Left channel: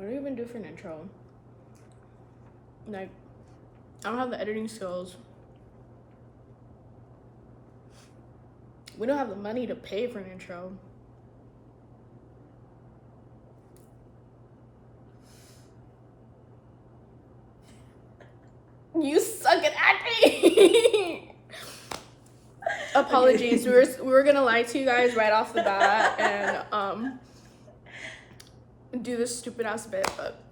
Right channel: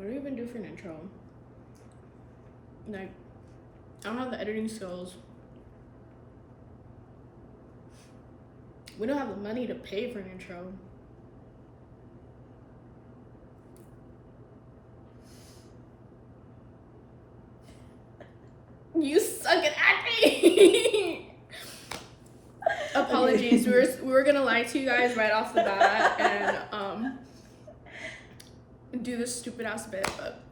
What do we even do for an intro? Like, I don't have the editing skills. We don't have the money to pay for an intro. You suck at acting. Apologies. Okay. We were gonna lie to you guys right off the bat and do this stupid ass bit, but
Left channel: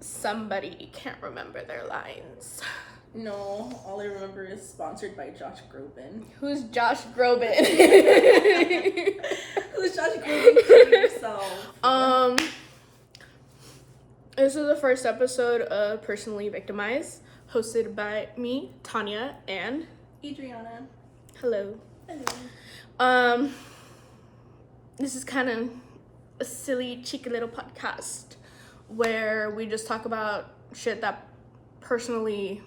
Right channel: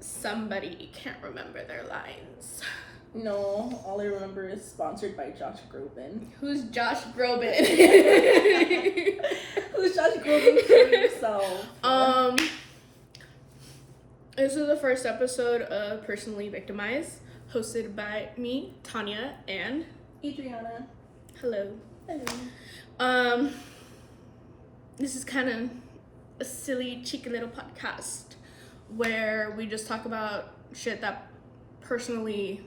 somebody can't remember their lines. No, all I remember is sponsored by Josh Groban. Who's Josh Groban? Who's Josh Groban? Kill yourself. This is the first episode of Personally Victimized, hosted by me, Tanya, and Adriana. Hello. Hello. This is kind of a silly, cheeky little podcast where we just talk about shit that personally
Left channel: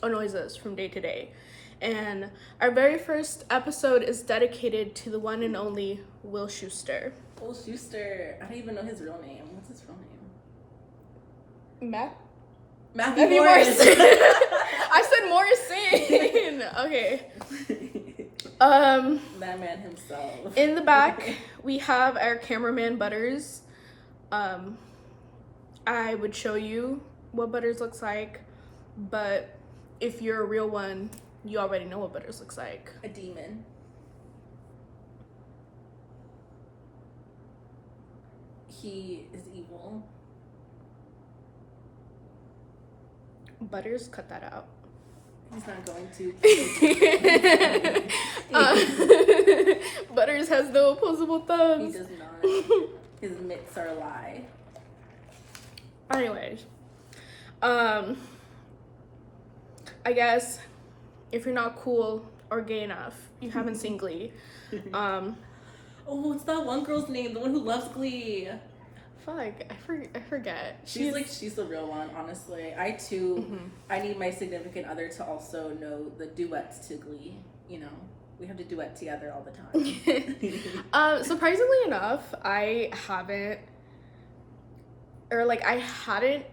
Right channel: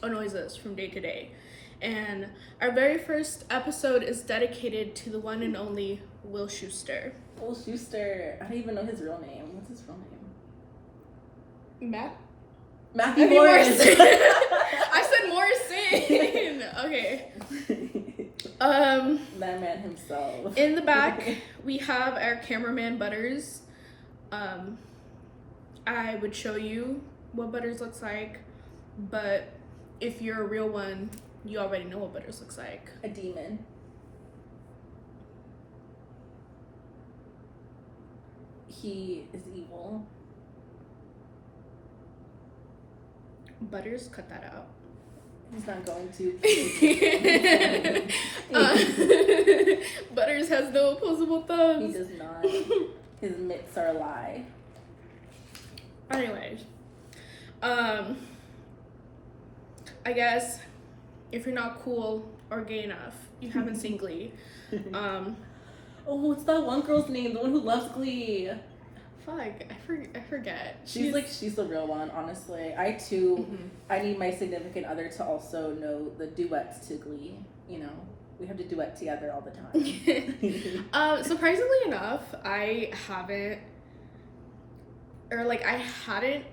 annoys us from day to day. And our very first episode is dedicated to the one and only Will Schuester. Will Schuester. I don't even know his real name. What's his real name? Matthew Morris. I said Morrison. Okay. That man himself. In the back, we have our cameraman Butters. I would show you what Butters looks like, but if you're a real one, you already know what Butters looks like. A demon. He is evil. Butters, cut that out. He's not going to. Butters has no opposable thumbs. He does not. His mitts are a lie. Anyways, I guess if you're not cool or gay enough, you haven't seen Glee. Oh, what's that one girl's name? The one who loves Glee. Fuck, I forget. She's the real one, honestly. I need my significant other to also know the duets to Glee. You know, we have to duet together all the time. Surprisingly enough, I hadn't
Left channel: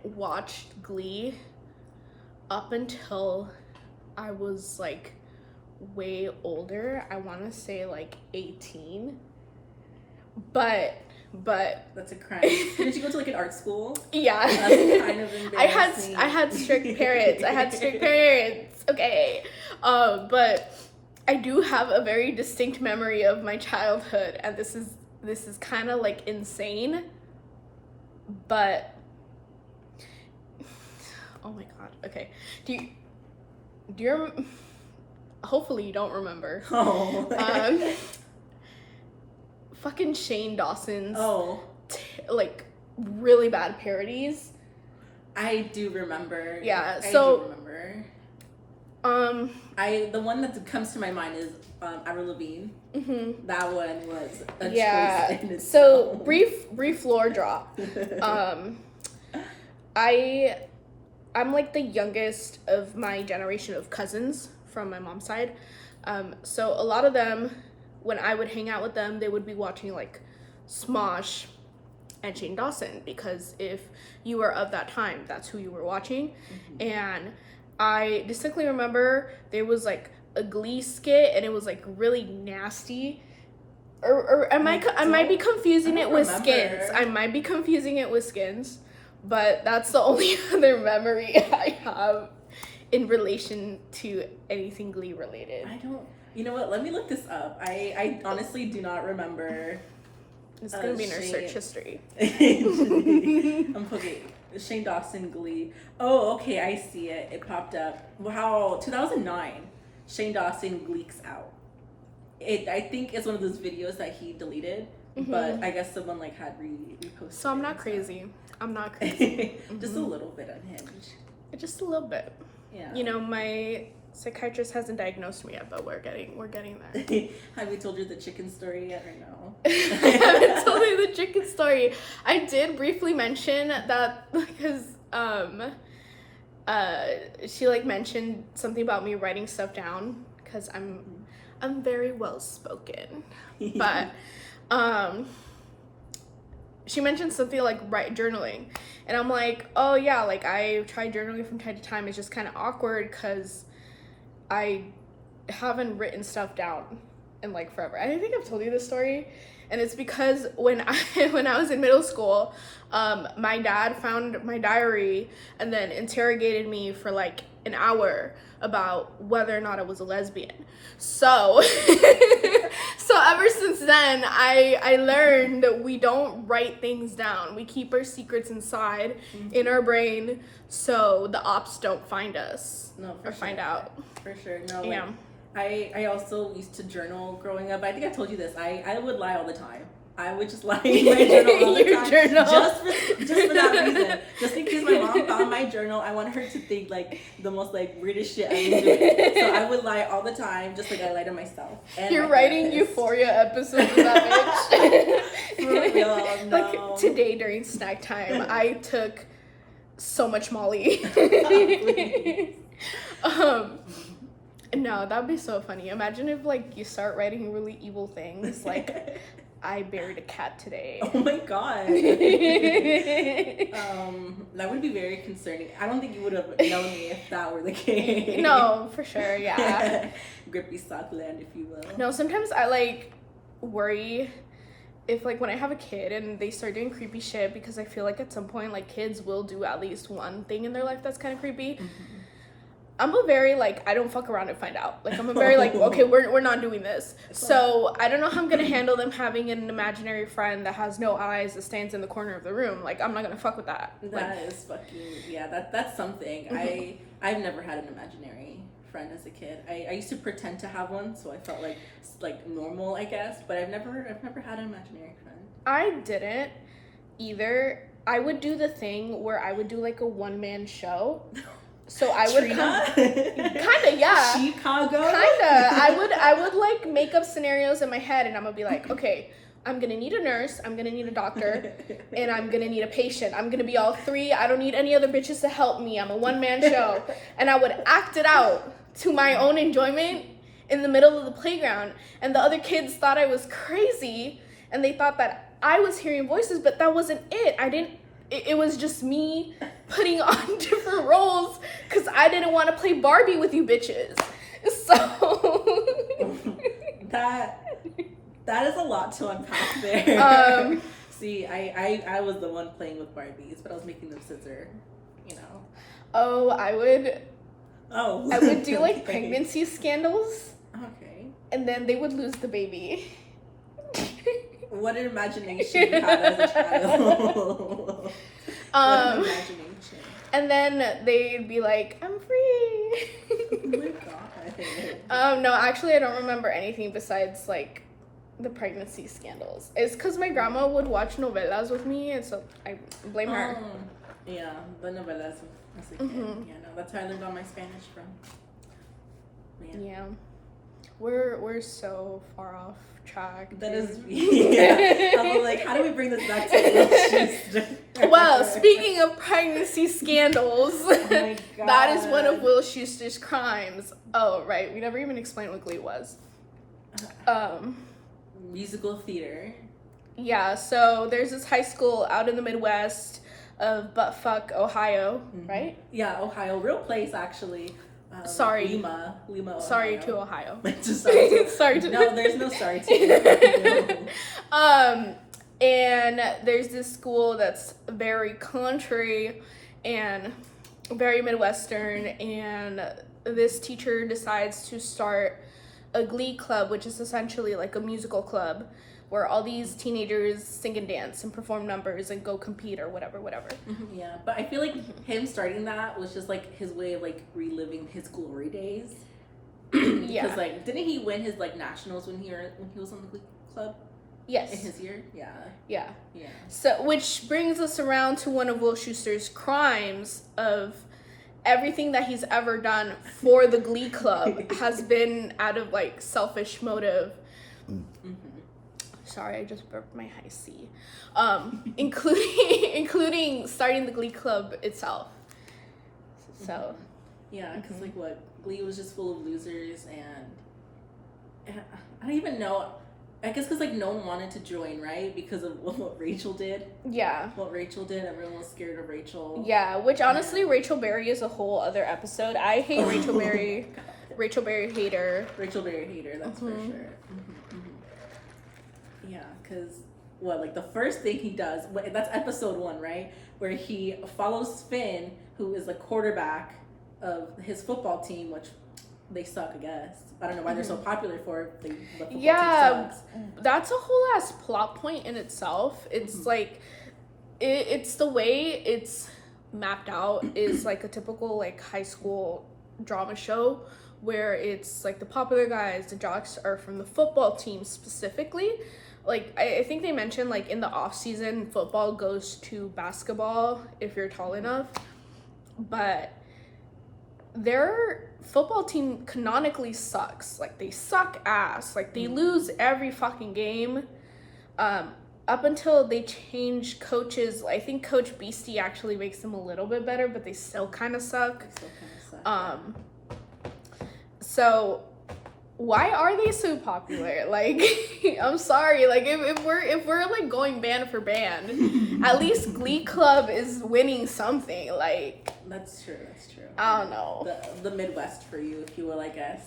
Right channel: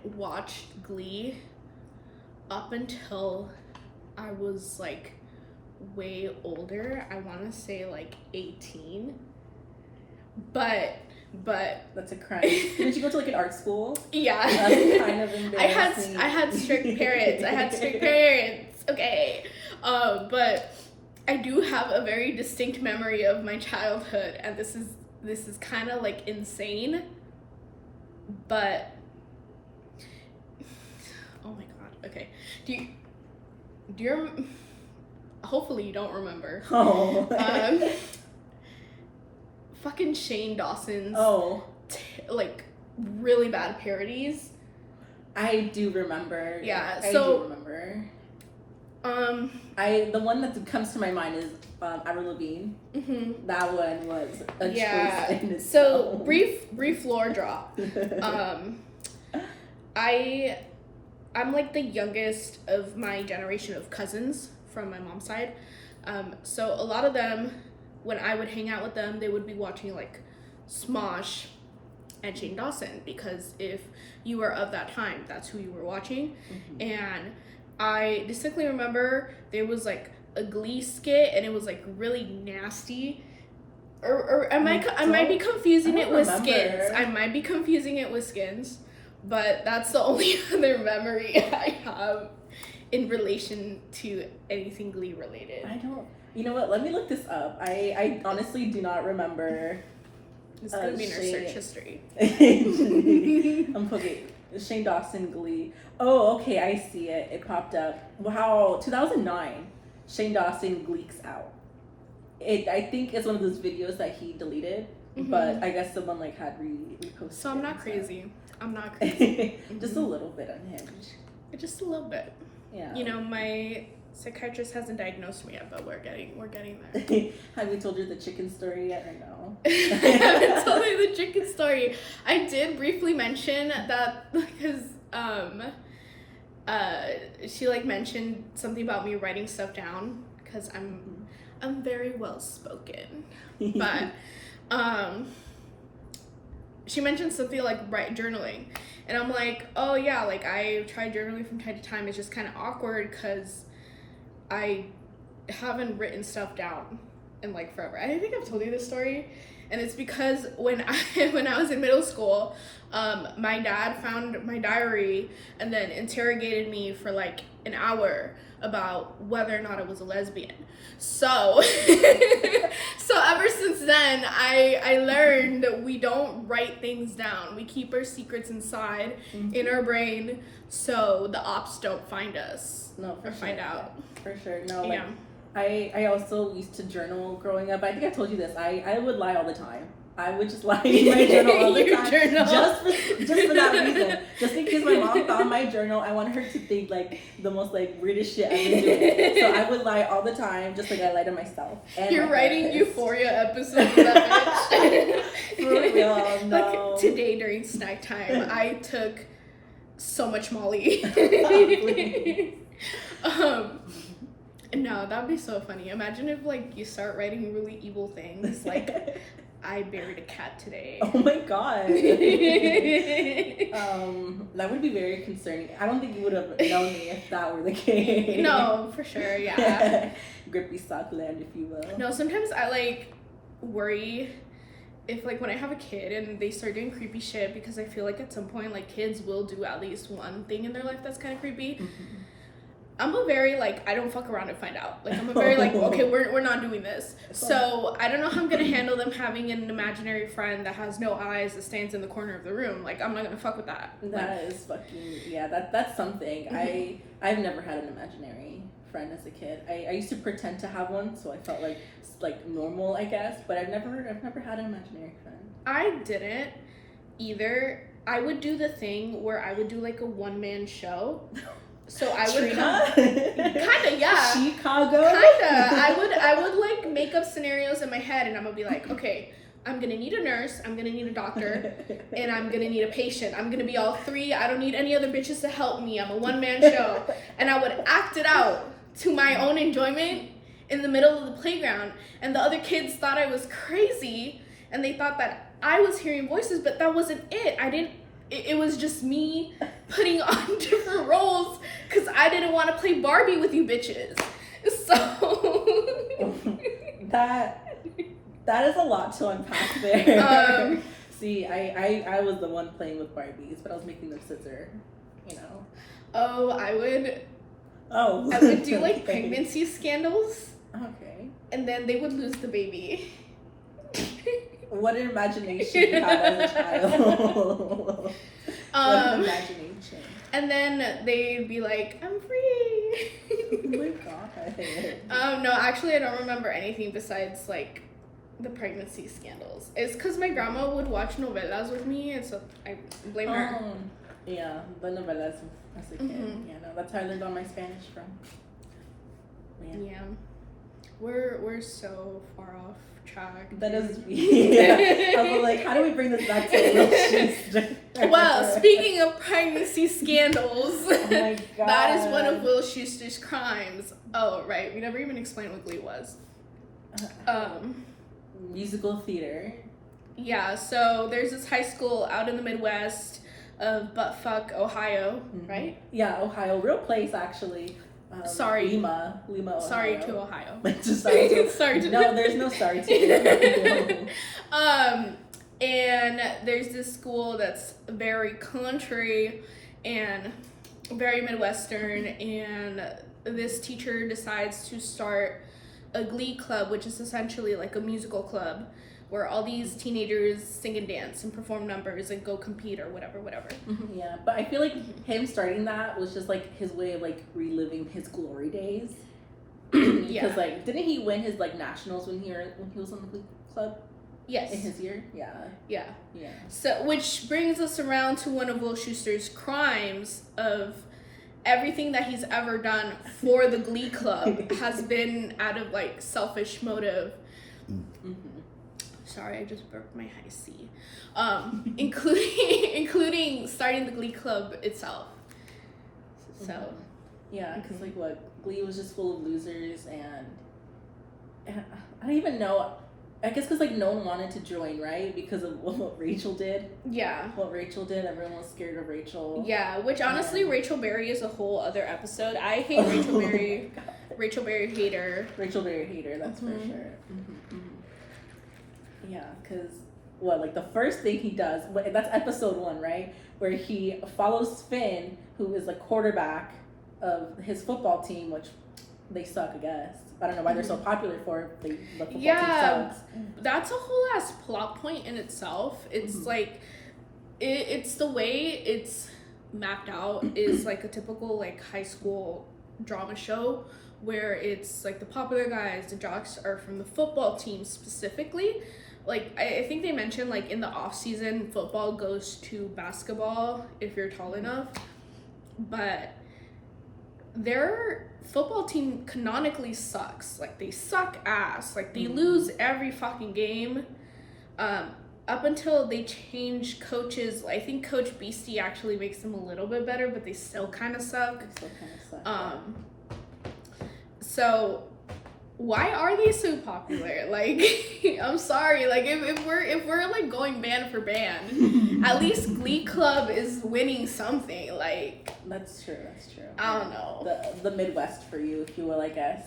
watched Glee up until I was like way older. I want to say like 18. But that's a crime. Did you go to like an art school? Yeah. That's kind of embarrassing. I had strict parents. Okay. But I do have a very distinct memory of my childhood, and this is kind of like insane. But oh my god. Okay. Do you hopefully you don't remember. Oh. Fucking Shane Dawson's like really bad parodies. I do remember. Yeah, I do remember. The one that comes to my mind is Avril Lavigne. Mm-hmm. That one was a choice in itself. So brief lore drop. I'm like the youngest of my generation of cousins from my mom's side. So a lot of them, when I would hang out with them, they would be watching like Smosh and Shane Dawson, because if you were of that time, that's who you were watching. Mm-hmm. And I distinctly remember there was like a Glee skit, and it was like really nasty. Or I might be confusing it with Skins. I might be confusing it with Skins, but that's the only other memory I have in relation to anything Glee related. You know what? Let me look this up. I honestly do not remember. It's gonna be in our search history. Okay. Shane Dawson Glee. Oh, okay, I see it. It popped up. Wow, 2009. Shane Dawson Gleeks out. I think it's one of those videos that he deleted, mm-hmm. but I guess someone like had reposted. So I'm not crazy. Mm-hmm. Just a little bit unhinged. Just a little bit. Yeah. You know, my psychiatrist hasn't diagnosed me yet, but we're getting there. Have we told you the chicken story yet, or no? I haven't told you the chicken story. I did briefly mention that because she like mentioned something about me writing stuff down, because I'm very well spoken. But she mentioned something like journaling, and I'm like, oh yeah, like I try journaling from time to time. It's just kind of awkward because I haven't written stuff down in like forever. I think I've told you this story, and it's because when I was in middle school, my dad found my diary and then interrogated me for like an hour about whether or not I was a lesbian. So so ever since then I learned that we don't write things down. We keep our secrets inside in our brain so the ops don't find us. No, for or sure. Find out. For sure. No, Yeah. like I also used to journal growing up. I think I told you this. I would lie all the time. I would just lie in my journal all the time, just for that reason. Just in case my mom found my journal, I want her to think like the most like weirdest shit I've been doing. So I would lie all the time, just like I lie to myself. And you're writing Euphoria episodes of that bitch. For real, no. Like, today during snack time, I took so much Molly. No, that'd be so funny. Imagine if like you start writing really evil things like I buried a cat today. Oh my god. That would be very concerning. I don't think you would have known me if that were the case. No, for sure, yeah. Grippy sock land, if you will. No, sometimes I like worry if like when I have a kid and they start doing creepy shit, because I feel like at some point like kids will do at least one thing in their life that's kind of creepy. Mm-hmm. I'm a very like I don't fuck around and find out. Like I'm a very like okay, we're not doing this. So I don't know how I'm gonna handle them having an imaginary friend that has no eyes that stands in the corner of the room. Like I'm not gonna fuck with that. That is fucking that's something. Mm-hmm. I've never had an imaginary friend as a kid. I used to pretend to have one, so I felt like normal, I guess. But I've never had an imaginary friend. I didn't either. I would do the thing where I would do like a one-man show. So I would kinda, yeah. Chicago. Kinda. I would like make up scenarios in my head, and I'm gonna be like, okay, I'm gonna need a nurse, I'm gonna need a doctor, and I'm gonna need a patient. I'm gonna be all three. I don't need any other bitches to help me. I'm a one-man show. And I would act it out to my own enjoyment in the middle of the playground. And the other kids thought I was crazy, and they thought that I was hearing voices, but that wasn't it. It was just me putting on different roles because I didn't want to play Barbie with you bitches. So that is a lot to unpack there. See, I was the one playing with Barbies, but I was making them scissor, you know. Oh, I would do like pregnancy scandals. Okay. And then they would lose the baby. What an imagination you had as a child. What an imagination. And then they'd be like, I'm free. Oh my god. No, actually I don't remember anything besides like the pregnancy scandals. It's because my grandma would watch novelas with me, and so I blame her. Yeah, the novelas as a kid. Mm-hmm. Yeah, no, that's how I learned all my Spanish from. Yeah. We're so far off track. That is, yeah. I was like, how do we bring this back to Will Schuester? Well, speaking of pregnancy scandals, oh my god, that is one of Will Schuester's crimes. Oh, right. We never even explained what Glee was. Musical theater. Yeah, so there's this high school out in the Midwest of buttfuck, Ohio, mm-hmm. right? Yeah, Ohio. Real place, actually. Sorry. Lima, Ohio. Sorry to Ohio. sorry to no, there's no sorry to and there's this school that's very country and very Midwestern, and this teacher decides to start a Glee club, which is essentially like a musical club where all these teenagers sing and dance and perform numbers and go compete or whatever. Mm-hmm, yeah, but I feel like him starting that was just like his way of like reliving his glory days. Because like, didn't he win his like nationals when he was on the Glee club? Yes. In his year? Yeah. So, which brings us around to one of Will Schuester's crimes of everything that he's ever done for the Glee club has been out of like selfish motive. Mm-hmm. Sorry, I just broke my high C. Including starting the Glee club itself. So, mm-hmm. Yeah, because like Glee was just full of losers, and I don't even know. I guess because like no one wanted to join, right? Because of what Rachel did. Yeah. What Rachel did, everyone was scared of Rachel. Yeah, which honestly, And... Rachel Berry is a whole other episode. I hate Rachel Berry. Rachel Berry hater. Rachel Berry hater, that's for sure. Yeah, because like the first thing he does, that's episode 1, right? Where he follows Finn, who is the quarterback of his football team, which they suck, I guess. I don't know why they're so popular for it. The football team sucks. That's a whole ass plot point in itself. It's like, it's the way it's mapped out is like a typical like high school drama show where it's like the popular guys, the jocks are from the football team specifically. Like, I think they mentioned, like, in the off-season, football goes to basketball if you're tall enough. But their football team canonically sucks. Like, they suck ass. Like, they lose every fucking game. Up until they change coaches. I think Coach Beastie actually makes them a little bit better, but they still kind of suck. So... why are they so popular? Like, I'm sorry. Like, if we're like going band for band, at least Glee Club is winning something. Like, that's true. I don't know. The Midwest for you, if you will, I guess.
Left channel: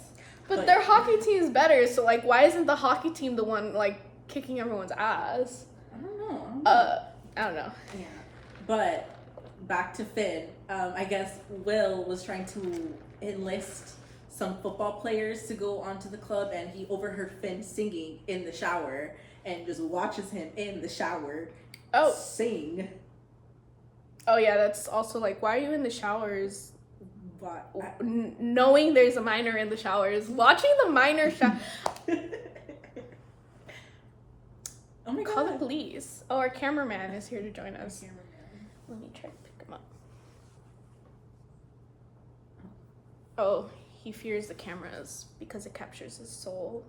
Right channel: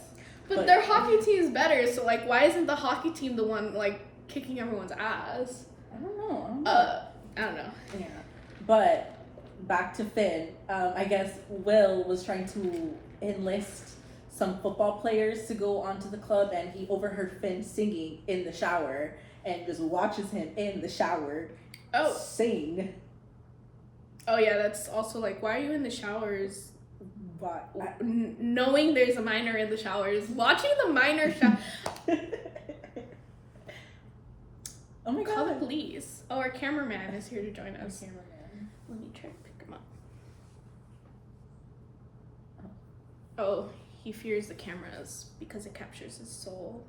But their hockey team's better. So like, why isn't the hockey team the one like kicking everyone's ass? I don't know. I don't know. Yeah, but back to Finn. I guess Will was trying to enlist some football players to go onto the club, and he overheard Finn singing in the shower and just watches him in the shower sing. Oh yeah, that's also like, why are you in the showers? What? Knowing there's a minor in the showers, watching the minor Oh my god. Call the police. Oh, our cameraman is here to join us. Let me try to pick him up. Oh. He fears the cameras because it captures his soul.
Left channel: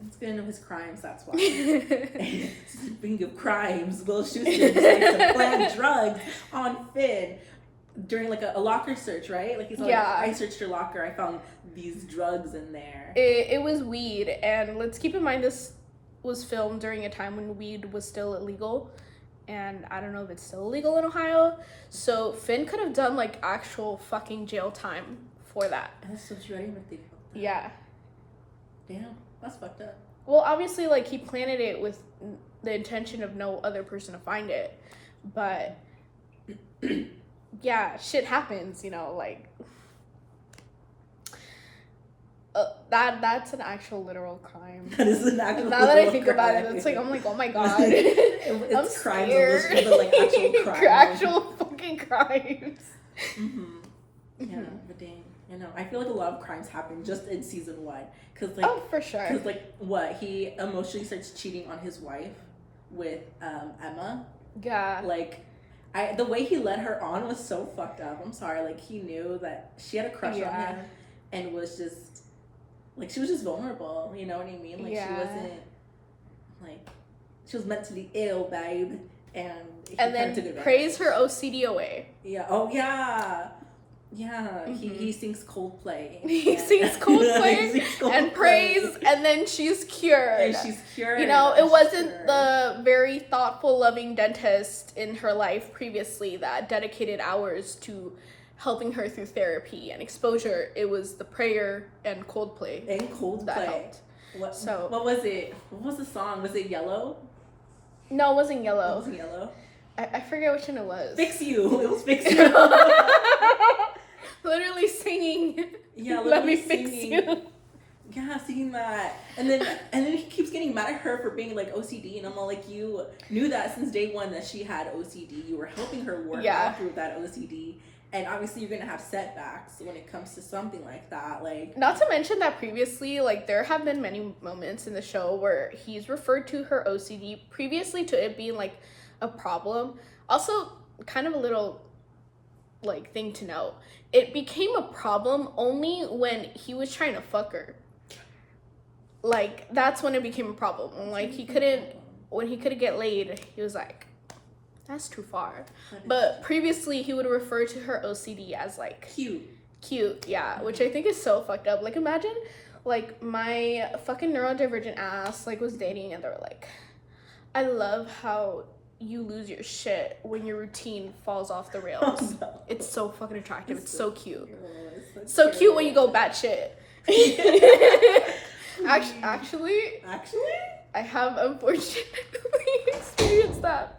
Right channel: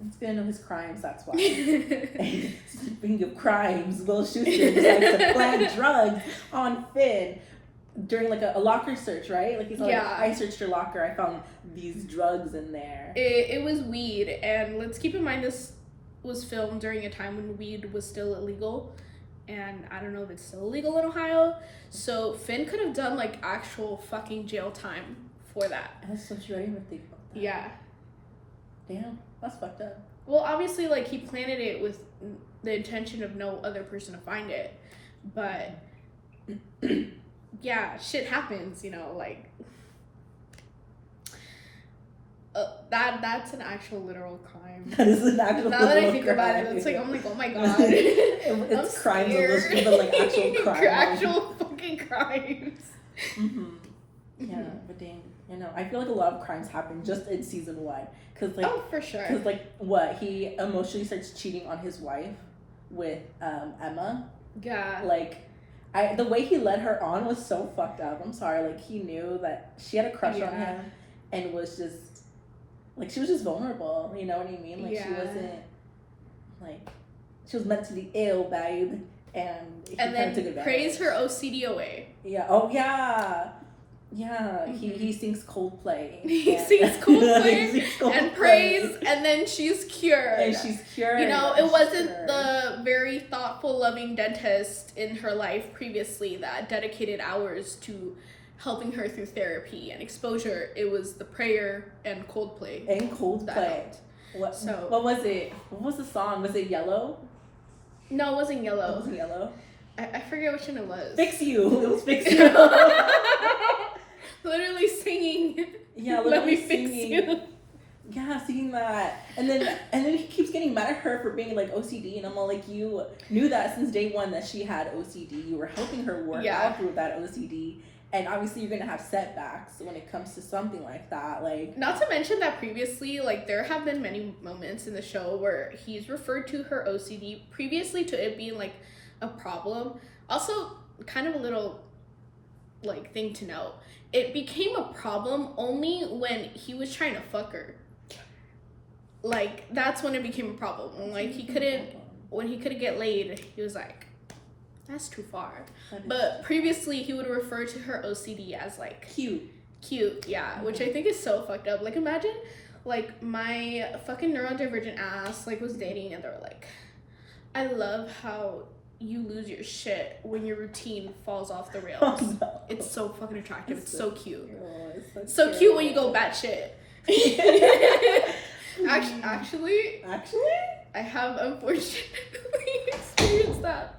It's gonna know his crimes, that's why. Speaking of crimes, Will Schuester decides to plant drugs on Finn during like a locker search, right? Like he's like, I searched your locker, I found these drugs in there. It was weed, and let's keep in mind this was filmed during a time when weed was still illegal. And I don't know if it's still illegal in Ohio. So Finn could have done like actual fucking jail time for that. That's so true. I didn't even think about that. Yeah. Damn, that's fucked up. Well, obviously, like, he planted it with the intention of no other person to find it. But, yeah, shit happens, you know, like... that's an actual literal crime. That is an actual now that I think about it, it's like, I'm like, oh my god. It's crimes on this, but like actual crimes. Actual fucking crimes. Yeah, but dang, you know, I feel like a lot of crimes happen just in season 1, cause like, for sure. Cause like, he emotionally starts cheating on his wife with Emma. Yeah. Like, the way he led her on was so fucked up. I'm sorry, like he knew that she had a crush on him, and was just like she was just vulnerable. You know what I mean? Like she wasn't like she was meant to be ill, babe, and he kind of took advantage. Praise her OCD away. Yeah. Oh yeah. Yeah, he sings Coldplay. He sings Coldplay and praise, and then she's cured. And she's cured. You know, it wasn't the very thoughtful, loving dentist in her life previously that dedicated hours to helping her through therapy and exposure. It was the prayer and Coldplay. What was it? What was the song? Was it Yellow? No, it wasn't Yellow. It wasn't Yellow? I forget which one it was. Fix You. It was Fix You. Literally singing. Yeah, literally singing. Yeah, singing that. And then he keeps getting mad at her for being like OCD, and I'm all like, you knew that since day 1 that she had OCD. You were helping her work out through that OCD. And obviously you're gonna have setbacks when it comes to something like that. Like, not to mention that previously, like, there have been many moments in the show where he's referred to her OCD previously to it being like a problem. Also, kind of a little like thing to note, it became a problem only when he was trying to fuck her. Like, that's when it became a problem. When he couldn't get laid, he was like, that's too far. But previously he would refer to her OCD as like cute, yeah, which I think is so fucked up. Like, imagine Like, my fucking neurodivergent ass, like, was dating, and they were like, I love how you lose your shit when your routine falls off the rails. Oh, no. It's so fucking attractive. It's so cute. Oh, it's So cute when you go batshit. Actually, I have unfortunately experienced that.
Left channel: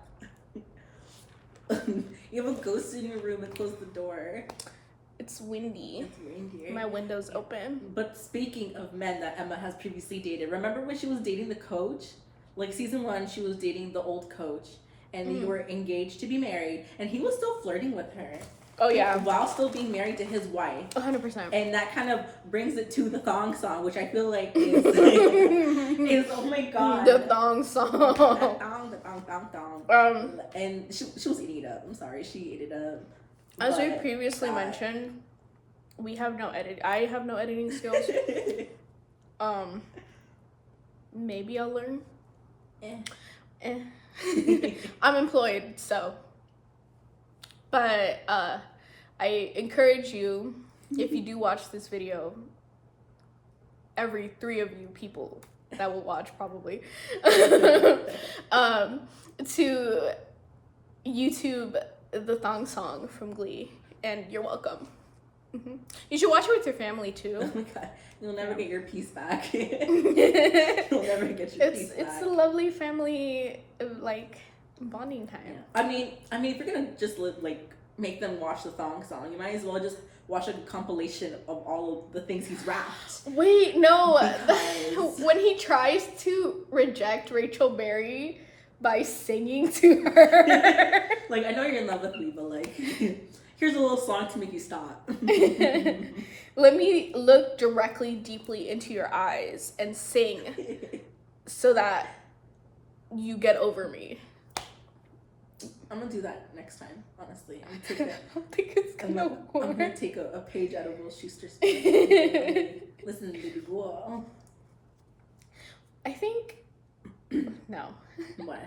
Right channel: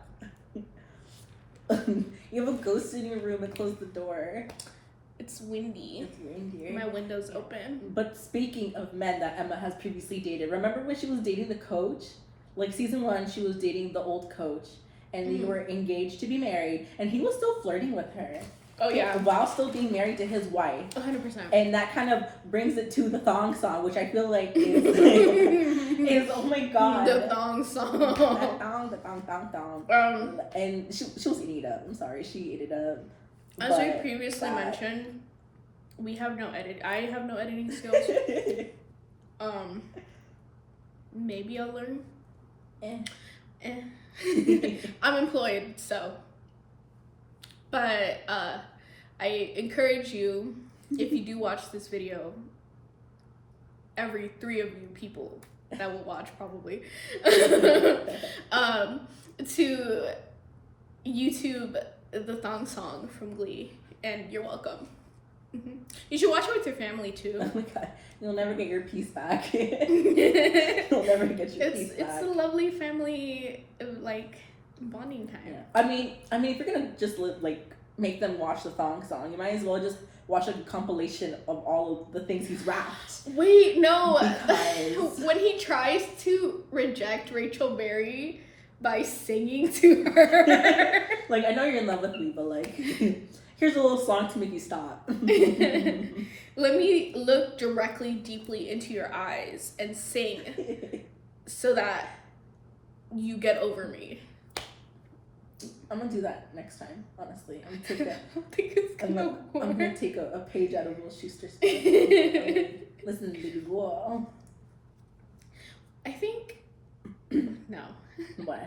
You have a ghost in your room and close the door. It's windy. It's windy. My window's open. But speaking of men that Emma has previously dated, remember when she was dating the coach? Like season 1, she was dating the old coach, and they were engaged to be married, and he was still flirting with her. Oh yeah. While still being married to his wife. 100%. And that kind of brings it to the thong song, which I feel like is oh my god. The thong song. The thong. And she was eating it up. I'm sorry, she ate it up. As we previously mentioned, we have no I have no editing skills. Maybe I'll learn. I'm employed, so. But I encourage you, if you do watch this video, every 3 of you people that will watch probably, to YouTube the thong song from Glee, and you're welcome. You should watch it with your family too. Oh my god, you'll never get your peace back. You'll never get your peace back. It's a lovely family bonding time. Yeah, I mean, if you're gonna just make them watch the thong song, you might as well just watch a compilation of all of the things he's rapped. Wait, no. Because when he tries to reject Rachel Berry by singing to her. Like, I know you're in love with me, but like, here's a little song to make you stop. Let me look directly, deeply into your eyes and sing so that you get over me. I'm gonna do that next time, honestly. I'm gonna take a page out of Will Schuester's book. Listen, baby girl. I think no. What?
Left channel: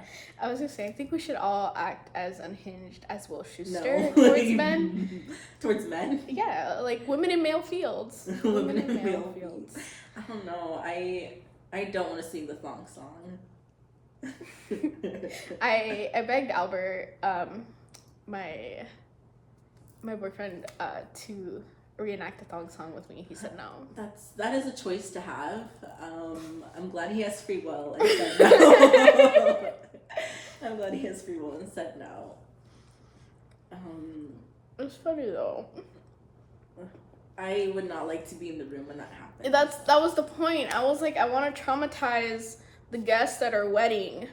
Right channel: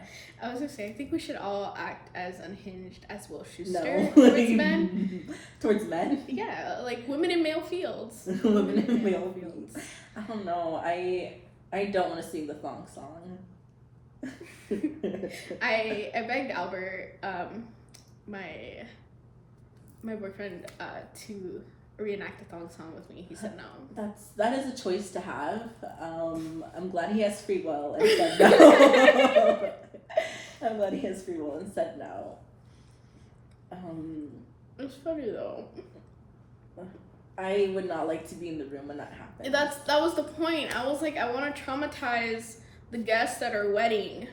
I was gonna say, I think we should all act as unhinged as Will Schuester No. towards men. Towards men? Yeah, like women in male fields. Women in male fields. I don't know. I don't want to sing the thong song. I begged Albert, my boyfriend, to reenact the thong song with me. He said no. That is a choice to have. I'm glad he has free will and said no. I'm glad he has free will and said no. It's funny though. I would not like to be in the room when that happened. That was the point. I was like, I want to traumatize the guests at our wedding.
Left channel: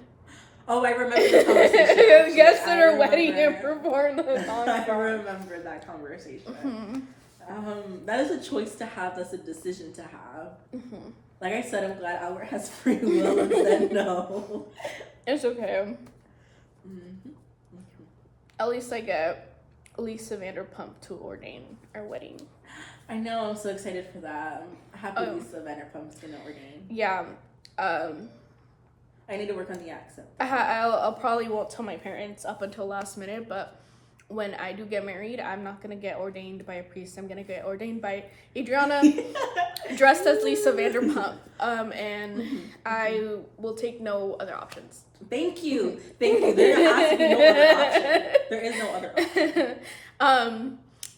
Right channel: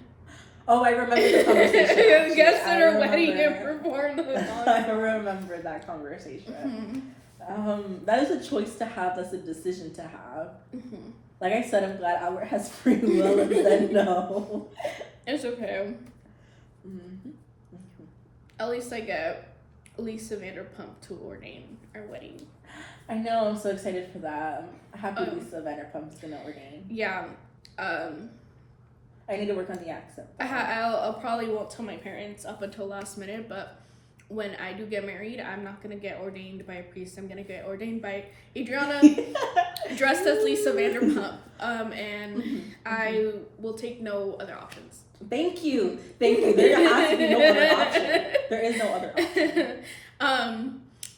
Oh, I remember the conversation. The guests at our wedding and performed the thong song. I remember that conversation. Mm-hmm. That is a choice to have. That's a decision to have. Mm-hmm. Like I said, I'm glad Albert has free will and said no. It's okay. Mm-hmm. At least I get Lisa Vanderpump to ordain our wedding. I know. I'm so excited for that. I'm happy Lisa Vanderpump's gonna ordain. Yeah. I need to work on the accent. I'll probably won't tell my parents up until last minute, but when I do get married, I'm not gonna get ordained by a priest. I'm gonna get ordained by Adriana, dressed as Lisa Vanderpump, and I will take no other options. Thank you. There has to be no other option. There is no other option.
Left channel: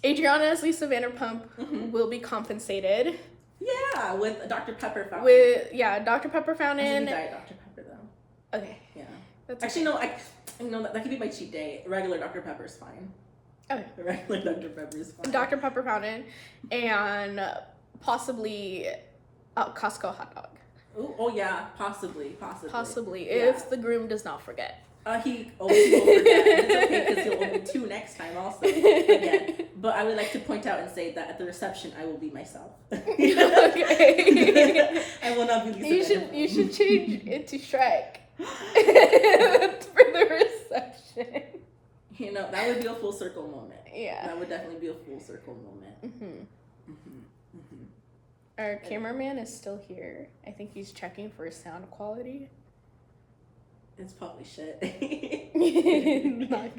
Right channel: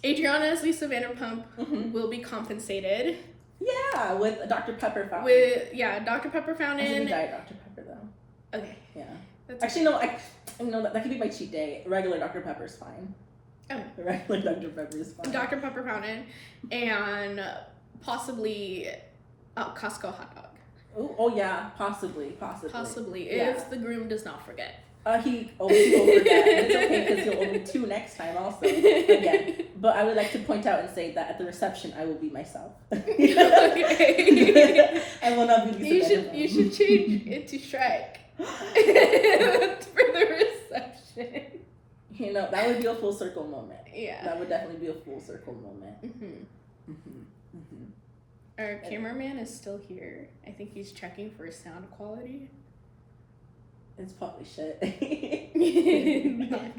Adriana as Lisa Vanderpump will be compensated. Yeah, with Dr. Pepper fountain. Dr. Pepper fountain. As in Diet Dr. Pepper though. Okay. Yeah. That's actually, okay. No. That could be my cheat day. Regular Dr. Pepper is fine. Okay. Regular Dr. Pepper is fine. Dr. Pepper fountain and possibly Costco hot dog. Oh yeah, possibly. Yeah. If the groom does not forget. He will forget. It's okay because he'll owe me 2 next time also. Again. But I would like to point out and say that at the reception I will be myself. Okay. I will not be Lisa Vanderpump. You should change it to Shrek. For the reception. You know, that would be a full circle moment. Yeah. That would definitely be a full circle moment. Our cameraman is still here. I think he's checking for sound quality. It's probably shit.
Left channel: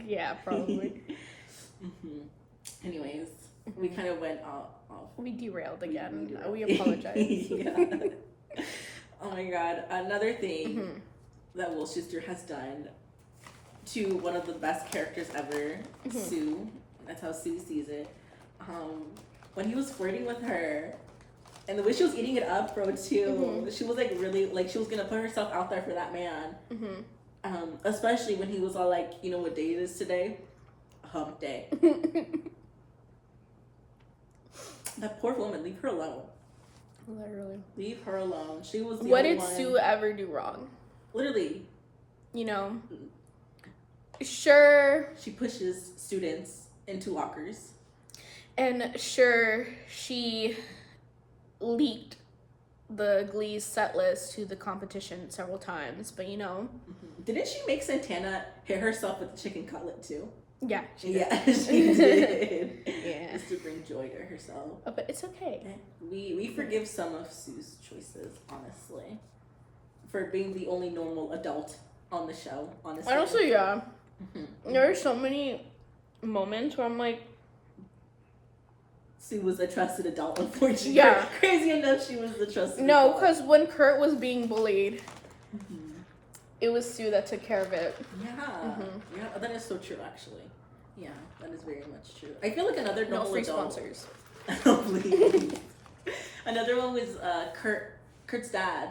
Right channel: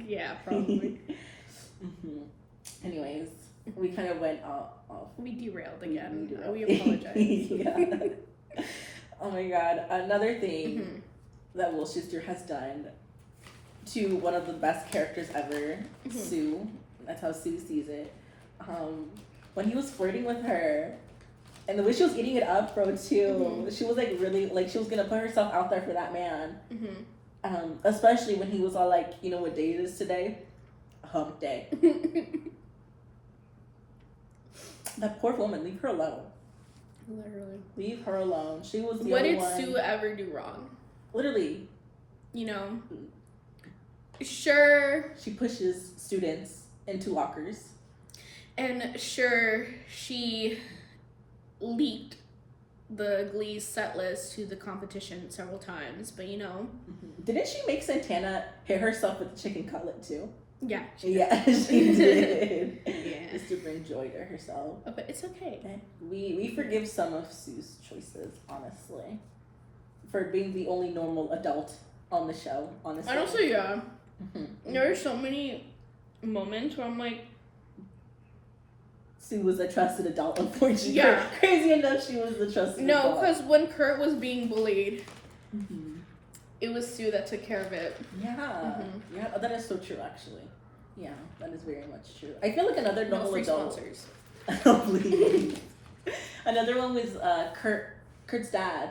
Yeah, probably. Anyways, we kind of went off. We derailed again. We derailed. We apologize. Yeah. Oh my god. Another thing that Will Schuester has done to one of the best characters ever, Sue. That's how Sue sees it. When he was flirting with her, and the way she was eating it up, bro, too. She was like really, like, she was gonna put herself out there for that man. Especially when he was all like, you know what day it is today? Hump day. That poor woman, leave her alone. Literally. Leave her alone. She was the what only did one. Sue ever do wrong? Literally. You know? Sure. She pushes students into lockers. And sure, she leaked the Glee set list to the competition several times, but you know. Didn't she make Santana hit herself with the chicken cutlet too? Yeah. She did. Yeah. Just to bring joy to herself. Oh, but it's okay. We forgive some of Sue's choices, honestly. For being the only normal adult on the show, honestly. Honestly, yeah. There are so many moments where I'm like, Sue was a trusted adult, unfortunately. Yeah. Crazy enough, she was the trusted adult. no, because when Kurt was being bullied, it was Sue that took care of it. Yeah. Yeah, that is so true, actually. Yeah, that is very much true. I feel like another normal free adult. sponsors. Oh, please. Another one was Kurt's dad.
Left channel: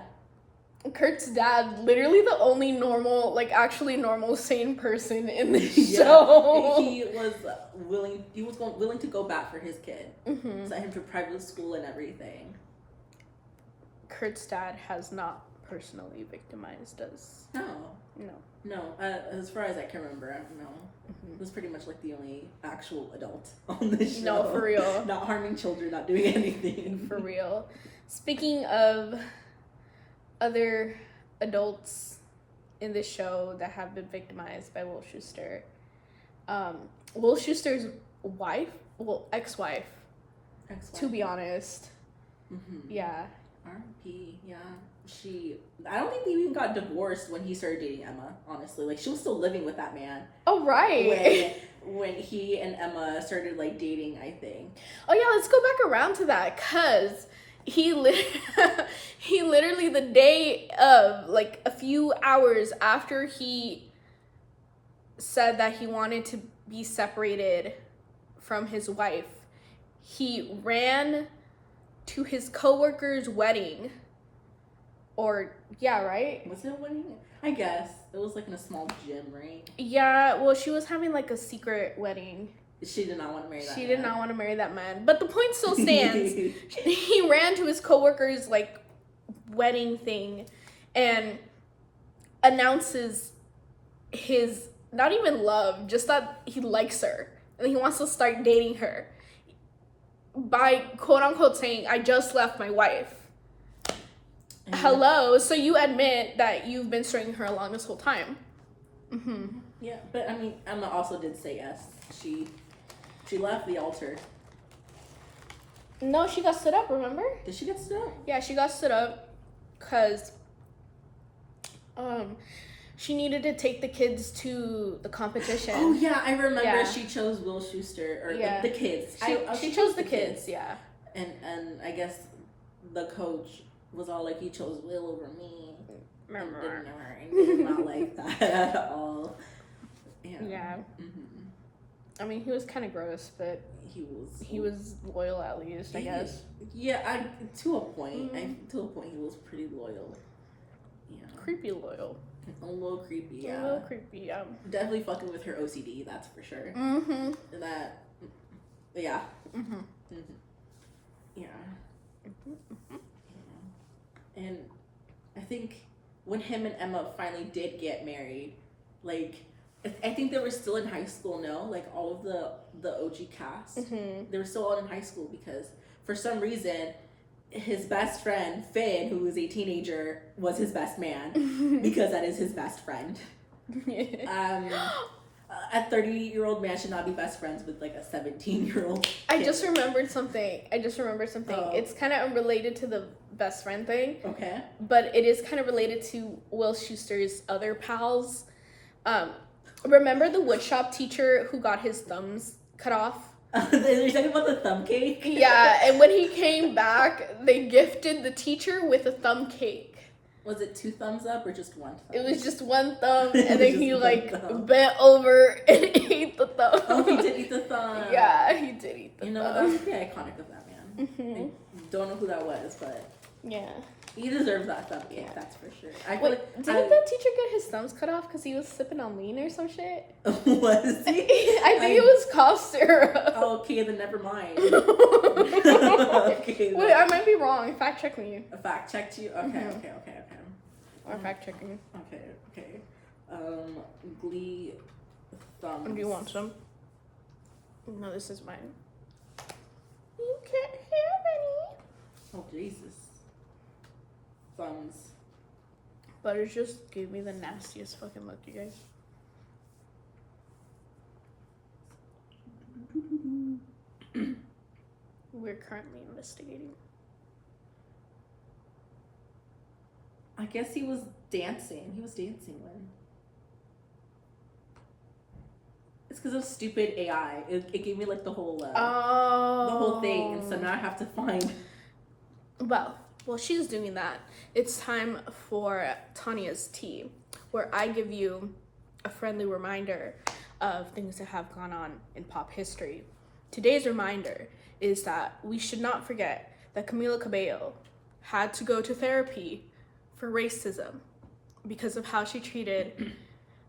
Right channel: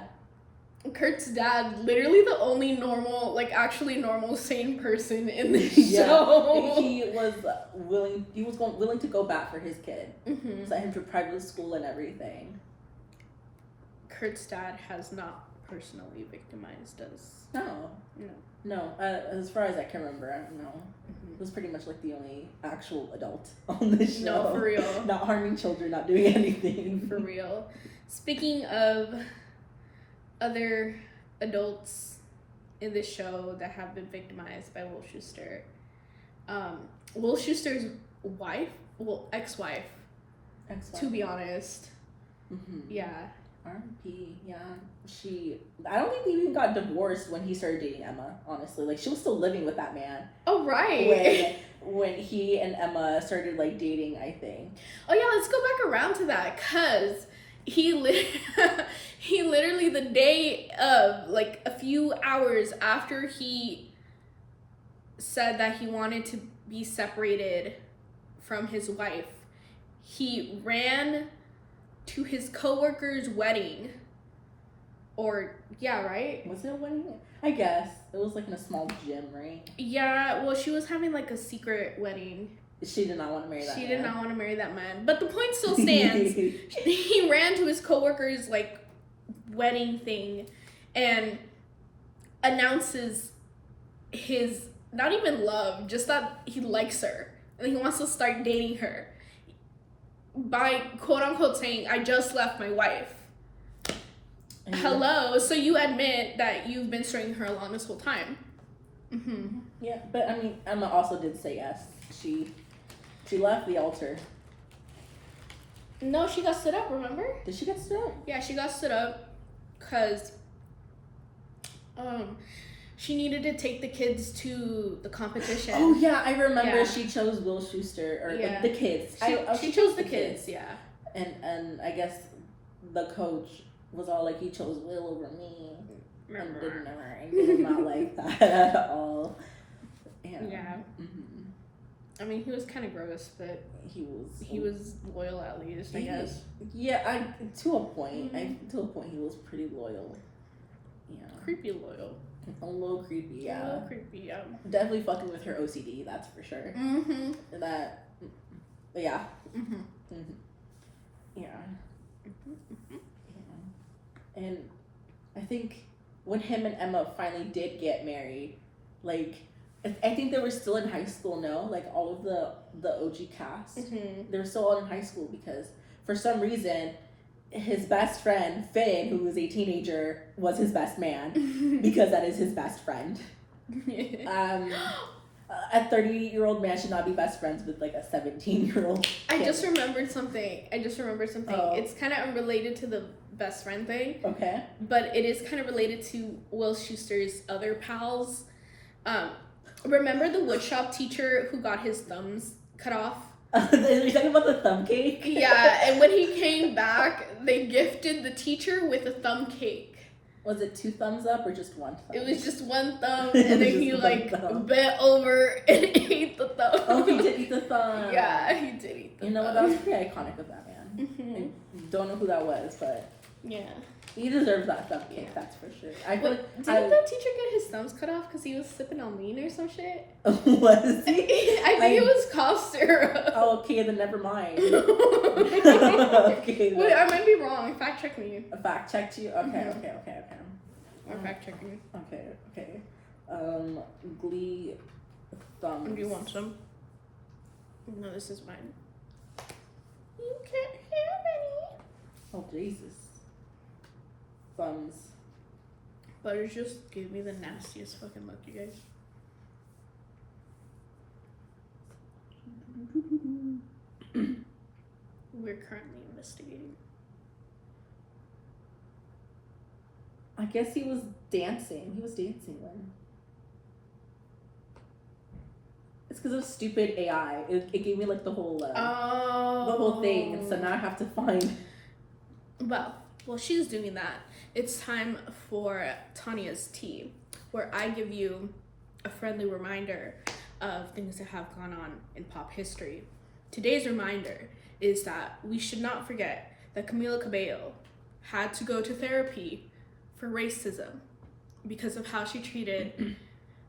Kurt's dad, literally the only normal, like actually normal, sane person in the show. He was willing to go back for his kid. Sent him to private school and everything. Kurt's dad has not personally victimized us. No. As far as I can remember, no. It was pretty much like the only actual adult on the show. No, for real. Not harming children, not doing anything. For real. Speaking of other adults in this show that have been victimized by Will Schuester, Will Schuester's ex-wife, to be honest. Yeah. R.I.P. Yeah. I don't think they even got divorced when he started dating Emma, honestly. Like, she was still living with that man. Oh, right. When he and Emma started, like, dating, I think. Oh, yeah, let's go back around to that, because he literally, the day of, like, a few hours after he said that he wanted to be separated from his wife, he ran to his coworker's wedding. Or, yeah, right? Was it a wedding? I guess. It was like in a small gym, right? Yeah, well, she was having like a secret wedding. She did not want to marry that man. She did not want to marry that man. But the point still stands. He ran to his coworker's like wedding thing and announces his, not even love, just that he likes her. And he wants to start dating her. By quote unquote saying, I just left my wife. Hello, so you admit that you've been stringing her along this whole time. Yeah, but I mean, Emma also did say yes. She left the altar. No, she got stood up, remember? Did she get stood up? Yeah, she got stood up because she needed to take the kids to the competition. Oh yeah, I remember she chose Will Schuester, or like the kids. She chose the kids, yeah. And I guess the coach was all like, he chose Will over me. And did not like that at all. Yeah. I mean, he was kind of gross, but he was loyal at least, I guess. Yeah, to a point. To a point, he was pretty loyal. Yeah. Creepy loyal. A little creepy, yeah. A little creepy, yeah. Definitely fucking with her OCD, that's for sure. That, yeah. Yeah. And I think when him and Emma finally did get married, like, I think they were still in high school, no? Like, all of the OG cast. They were still all in high school because, for some reason, his best friend, Finn, who was a teenager, was his best man because that is his best friend. A 30-year-old man should not be best friends with, like, a 17-year-old kid. I just remembered something. Oh. It's kind of unrelated to the best friend thing. Okay. But it is kind of related to Will Schuester's other pals. Remember the woodshop teacher who got his thumbs cut off? You're talking about the thumb cake? Yeah, and when he came back, they gifted the teacher with a thumb cake. Was it 2 thumbs up or just 1 thumb? It was just 1 thumb, It and was then he just like 1 thumb. bent over and ate the thumb. Oh, he did eat the thumb. Yeah, he did eat the You know what? thumb. That was pretty iconic of that man. Mhm. I don't know who that was, but Yeah. he deserves that thumb cake. Yeah. That's for sure. I feel like Didn't the teacher get his thumbs cut off because he was sipping on lean or some shit? Was he? I think it was cough syrup. Oh, okay, then never mind. Okay, Okay, wait, I might be wrong. Fact check me. fact checked you. Okay, Mhm. okay. Or fact check me. Okay. Glee thumbs. Do you want some? No, this is mine. You can't have any. Oh Jesus. Thumbs. Butter just gave me the nastiest fucking look, you guys. We're currently investigating. I guess he was dancing. He was dancing when. It's because of stupid AI. It gave me like the whole thing, and so now I have to find. Well, she's doing that. It's time for Tanya's tea, where I give you a friendly reminder of things that have gone on in pop history. Today's reminder is that we should not forget that Camila Cabello had to go to therapy for racism because of how she treated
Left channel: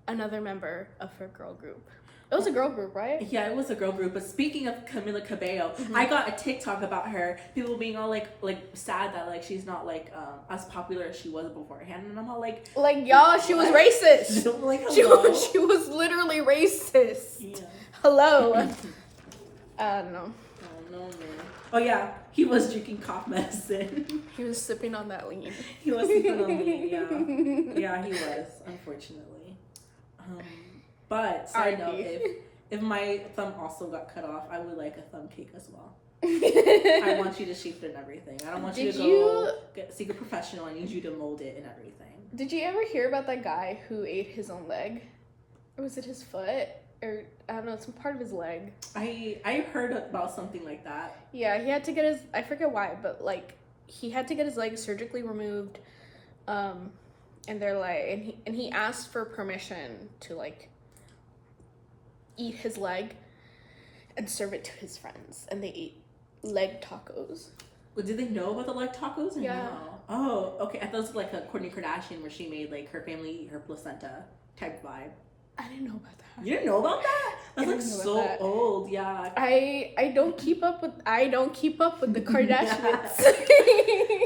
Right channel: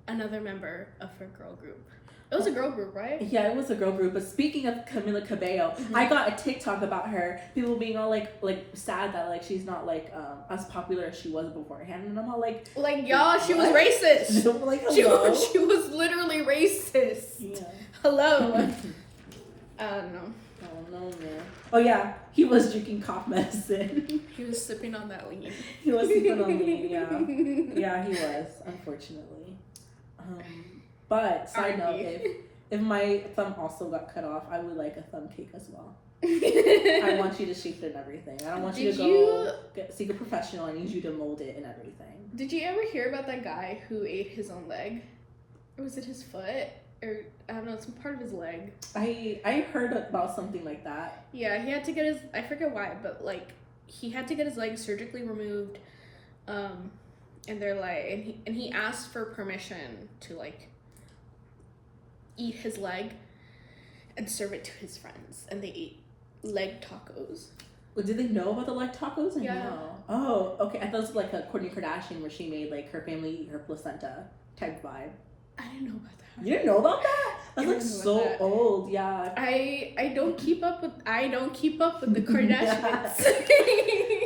another member of her girl group. It was a girl group, right? Yeah, it was a girl group. But speaking of Camila Cabello, I got a TikTok about her. People being all like sad that like she's not like as popular as she was beforehand, and I'm all like y'all, she was racist. like hello. She was literally racist. Yeah. Hello. I don't know. Oh no, man. Oh yeah, he was drinking cough medicine. He was sipping on that lean. He was sipping on lean. Yeah, he was. Unfortunately. But side note, if my thumb also got cut off, I would like a thumb cake as well. I want you to shape it and everything. I don't want you to go seek a professional. I need you to mold it and everything. Did you ever hear about that guy who ate his own leg? Or was it his foot? Or, I don't know, some part of his leg. I heard about something like that. Yeah, he had to get his, I forget why, but like, he had to get his leg surgically removed. And they're like, and he asked for permission to like, eat his leg and serve it to his friends, and they ate leg tacos. Well, did they know about the leg tacos or Yeah. no? Oh, okay. I thought it was like a Kourtney Kardashian where she made like her family eat her placenta type vibe. I didn't know about that. You didn't know about that? That's I like didn't know so about that. old. Yeah. I don't keep up with the Kardashians.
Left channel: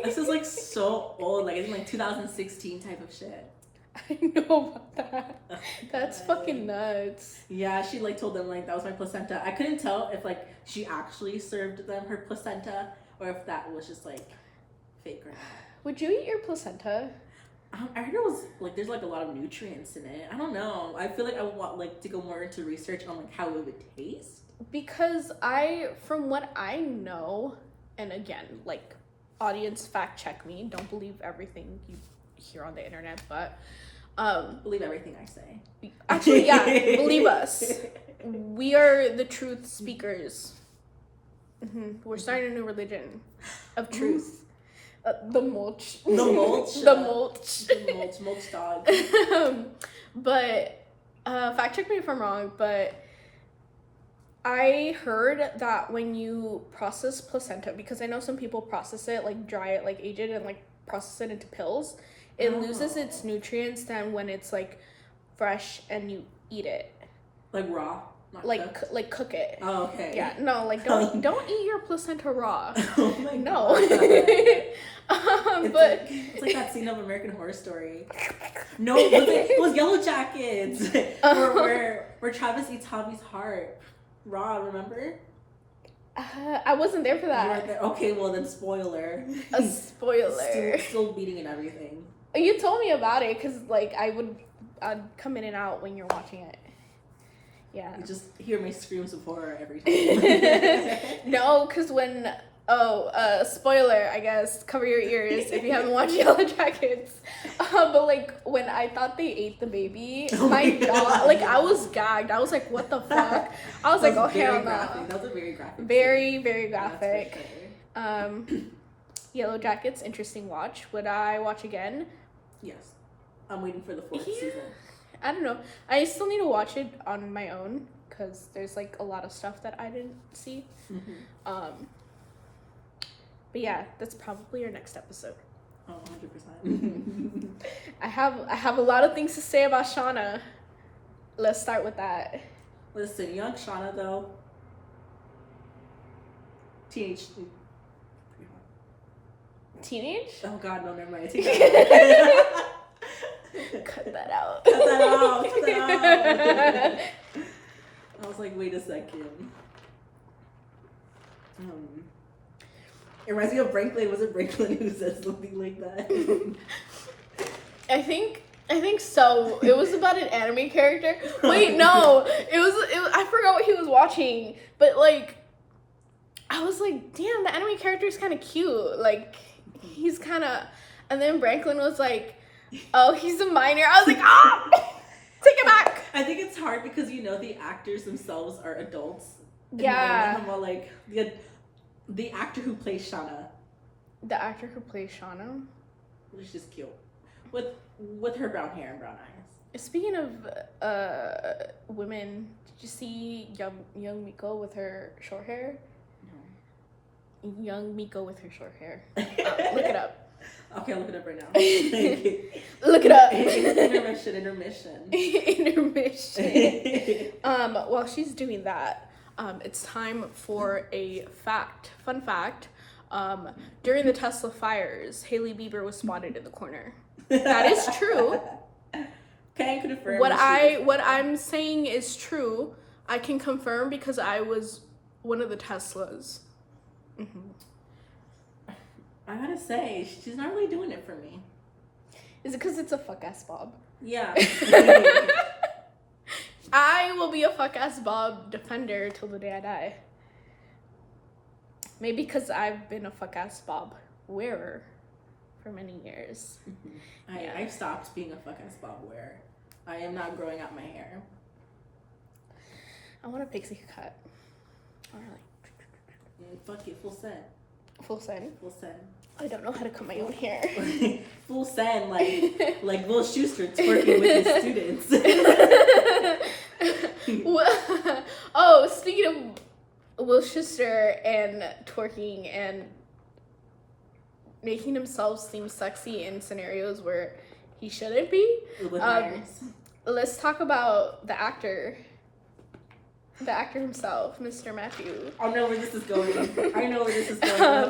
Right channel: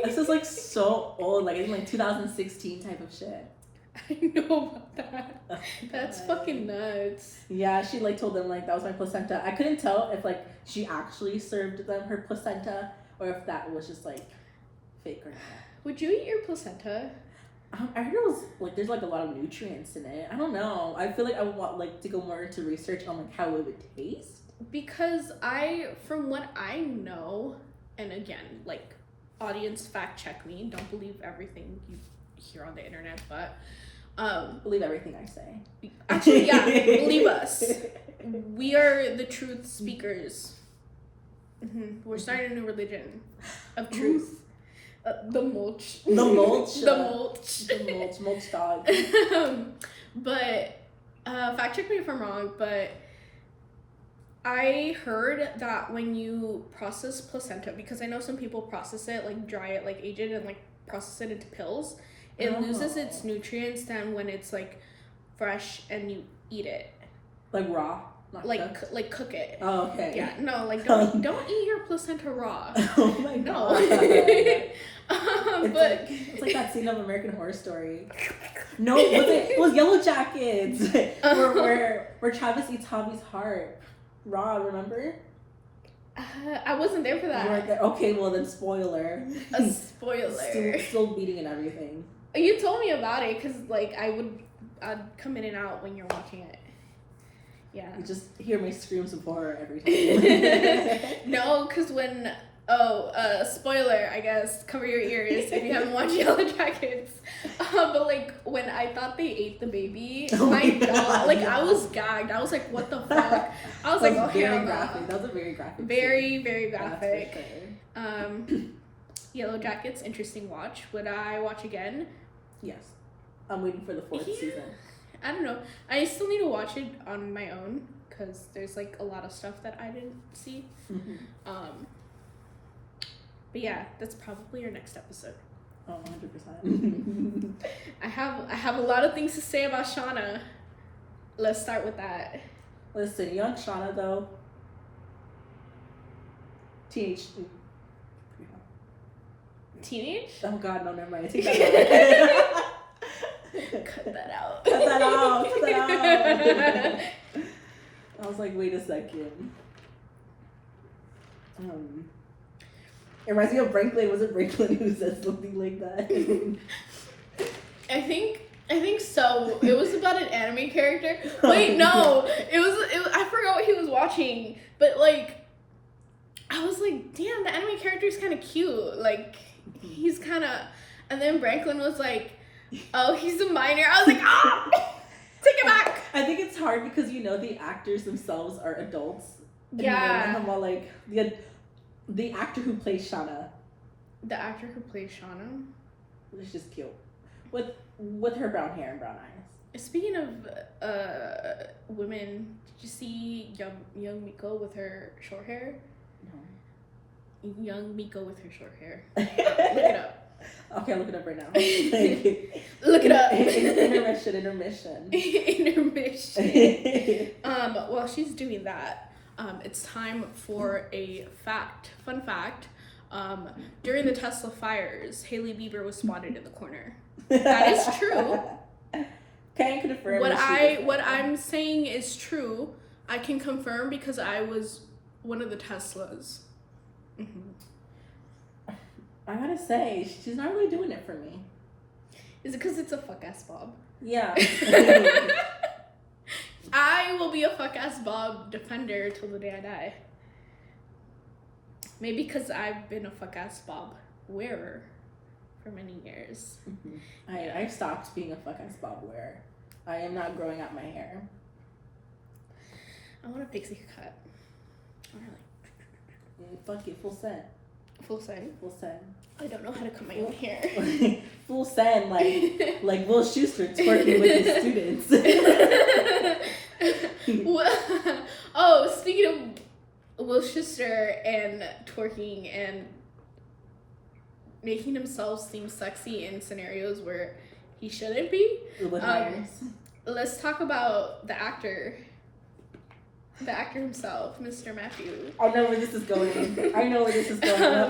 This is like so old. Like it's like 2016 type of shit. I know about that. Oh, That's God. fucking nuts. Yeah, she like told them like that was my placenta. I couldn't tell if like she actually served them her placenta or if that was just like fake or not. Would you eat your placenta? I heard it was like there's like a lot of nutrients in it. I don't know. I feel like I would want like to go more into research on like how it would taste. Because from what I know, and again, like, audience fact check me. Don't believe everything you hear on the internet, but Believe everything I say. actually, yeah, believe us. We are the truth speakers. We're starting a new religion of truth. The mulch. The mulch. The mulch. The mulch dog. But fact check me if I'm wrong, but I heard that when you process placenta, because I know some people process it, like dry it, like age it, and like process it into pills, it loses its nutrients than when it's like fresh and you eat it. Like raw? Not cooked? Like cook it. Oh, okay. Yeah, no, like don't eat your placenta raw. Oh my No. God. But it's like that scene of American Horror Story. No, it was Yellow Jackets. where Travis eats Javi's heart. Raw, remember? I wasn't there for that. You weren't there? Okay, well then spoiler. A spoiler. Still beating and everything. You told me about it because like I'd come in and out when you're watching it. Yeah. You just hear my screams of horror every time. No, because when Spoiler, I guess. Cover your ears if you haven't watched Yellow Jackets. But like when I thought they ate the baby, my God, like I was gagged. I was like, what the fuck? I was like, oh hell no. That was a very graphic. Very, very graphic. That's for sure. Yellow Jackets, interesting watch. Would I watch again? Yes. I'm waiting for the 4th season. I don't know. I still need to watch it on my own because there's like a lot of stuff that I didn't see. But yeah, that's probably our next episode. Oh, 100%. I have a lot of things to say about Shauna. Let's start with that. Listen, young Shauna though. Teenage. Teenage? Oh God, no, never mind. Take that out. Cut that out. Cut that out. Cut that out. I was like, wait a second. It reminds me of Franklin. Was it Franklin who said something like that? I think so. It was about an anime character. Wait, no. It was I forgot what he was watching. But like I was like, damn, the anime character is kind of cute. Like he's kind of, and then Franklin was like, oh, he's a minor. I was like, ah, take it back. I think it's hard because the actors themselves are adults. And Yeah. I'm all like the actor who plays Shauna. The actor who plays Shauna was just cute with her brown hair and brown eyes. Speaking of women, did you see young Miko with her short hair? No. Young Miko with her short hair. Look it up. Okay, I'll look it up right now. Thank you. Look it up. Intermission. While she's doing that, it's time for a fun fact. During the Tesla fires, Hailey Bieber was spotted in the corner. That is true. Can confirm. What I'm saying is true. I can confirm because I was one of the Teslas. I gotta say, she's not really doing it for me. Is it because it's a fuck ass Bob? Yeah. I will be a fuck ass Bob defender till the day I die. Maybe because I've been a fuck ass Bob wearer for many years. I've stopped being a fuck ass Bob wearer. I am not growing out my hair. I want a pixie cut. Fuck it, full send. Full send? Full send. I don't know how to cut my own hair. Full send, like Will Schuester twerking with his students. Speaking of Will Schuester and twerking and making himself seem sexy in scenarios where he shouldn't be, let's talk about the actor. The actor himself, Mr. Matthew. I know where this is going.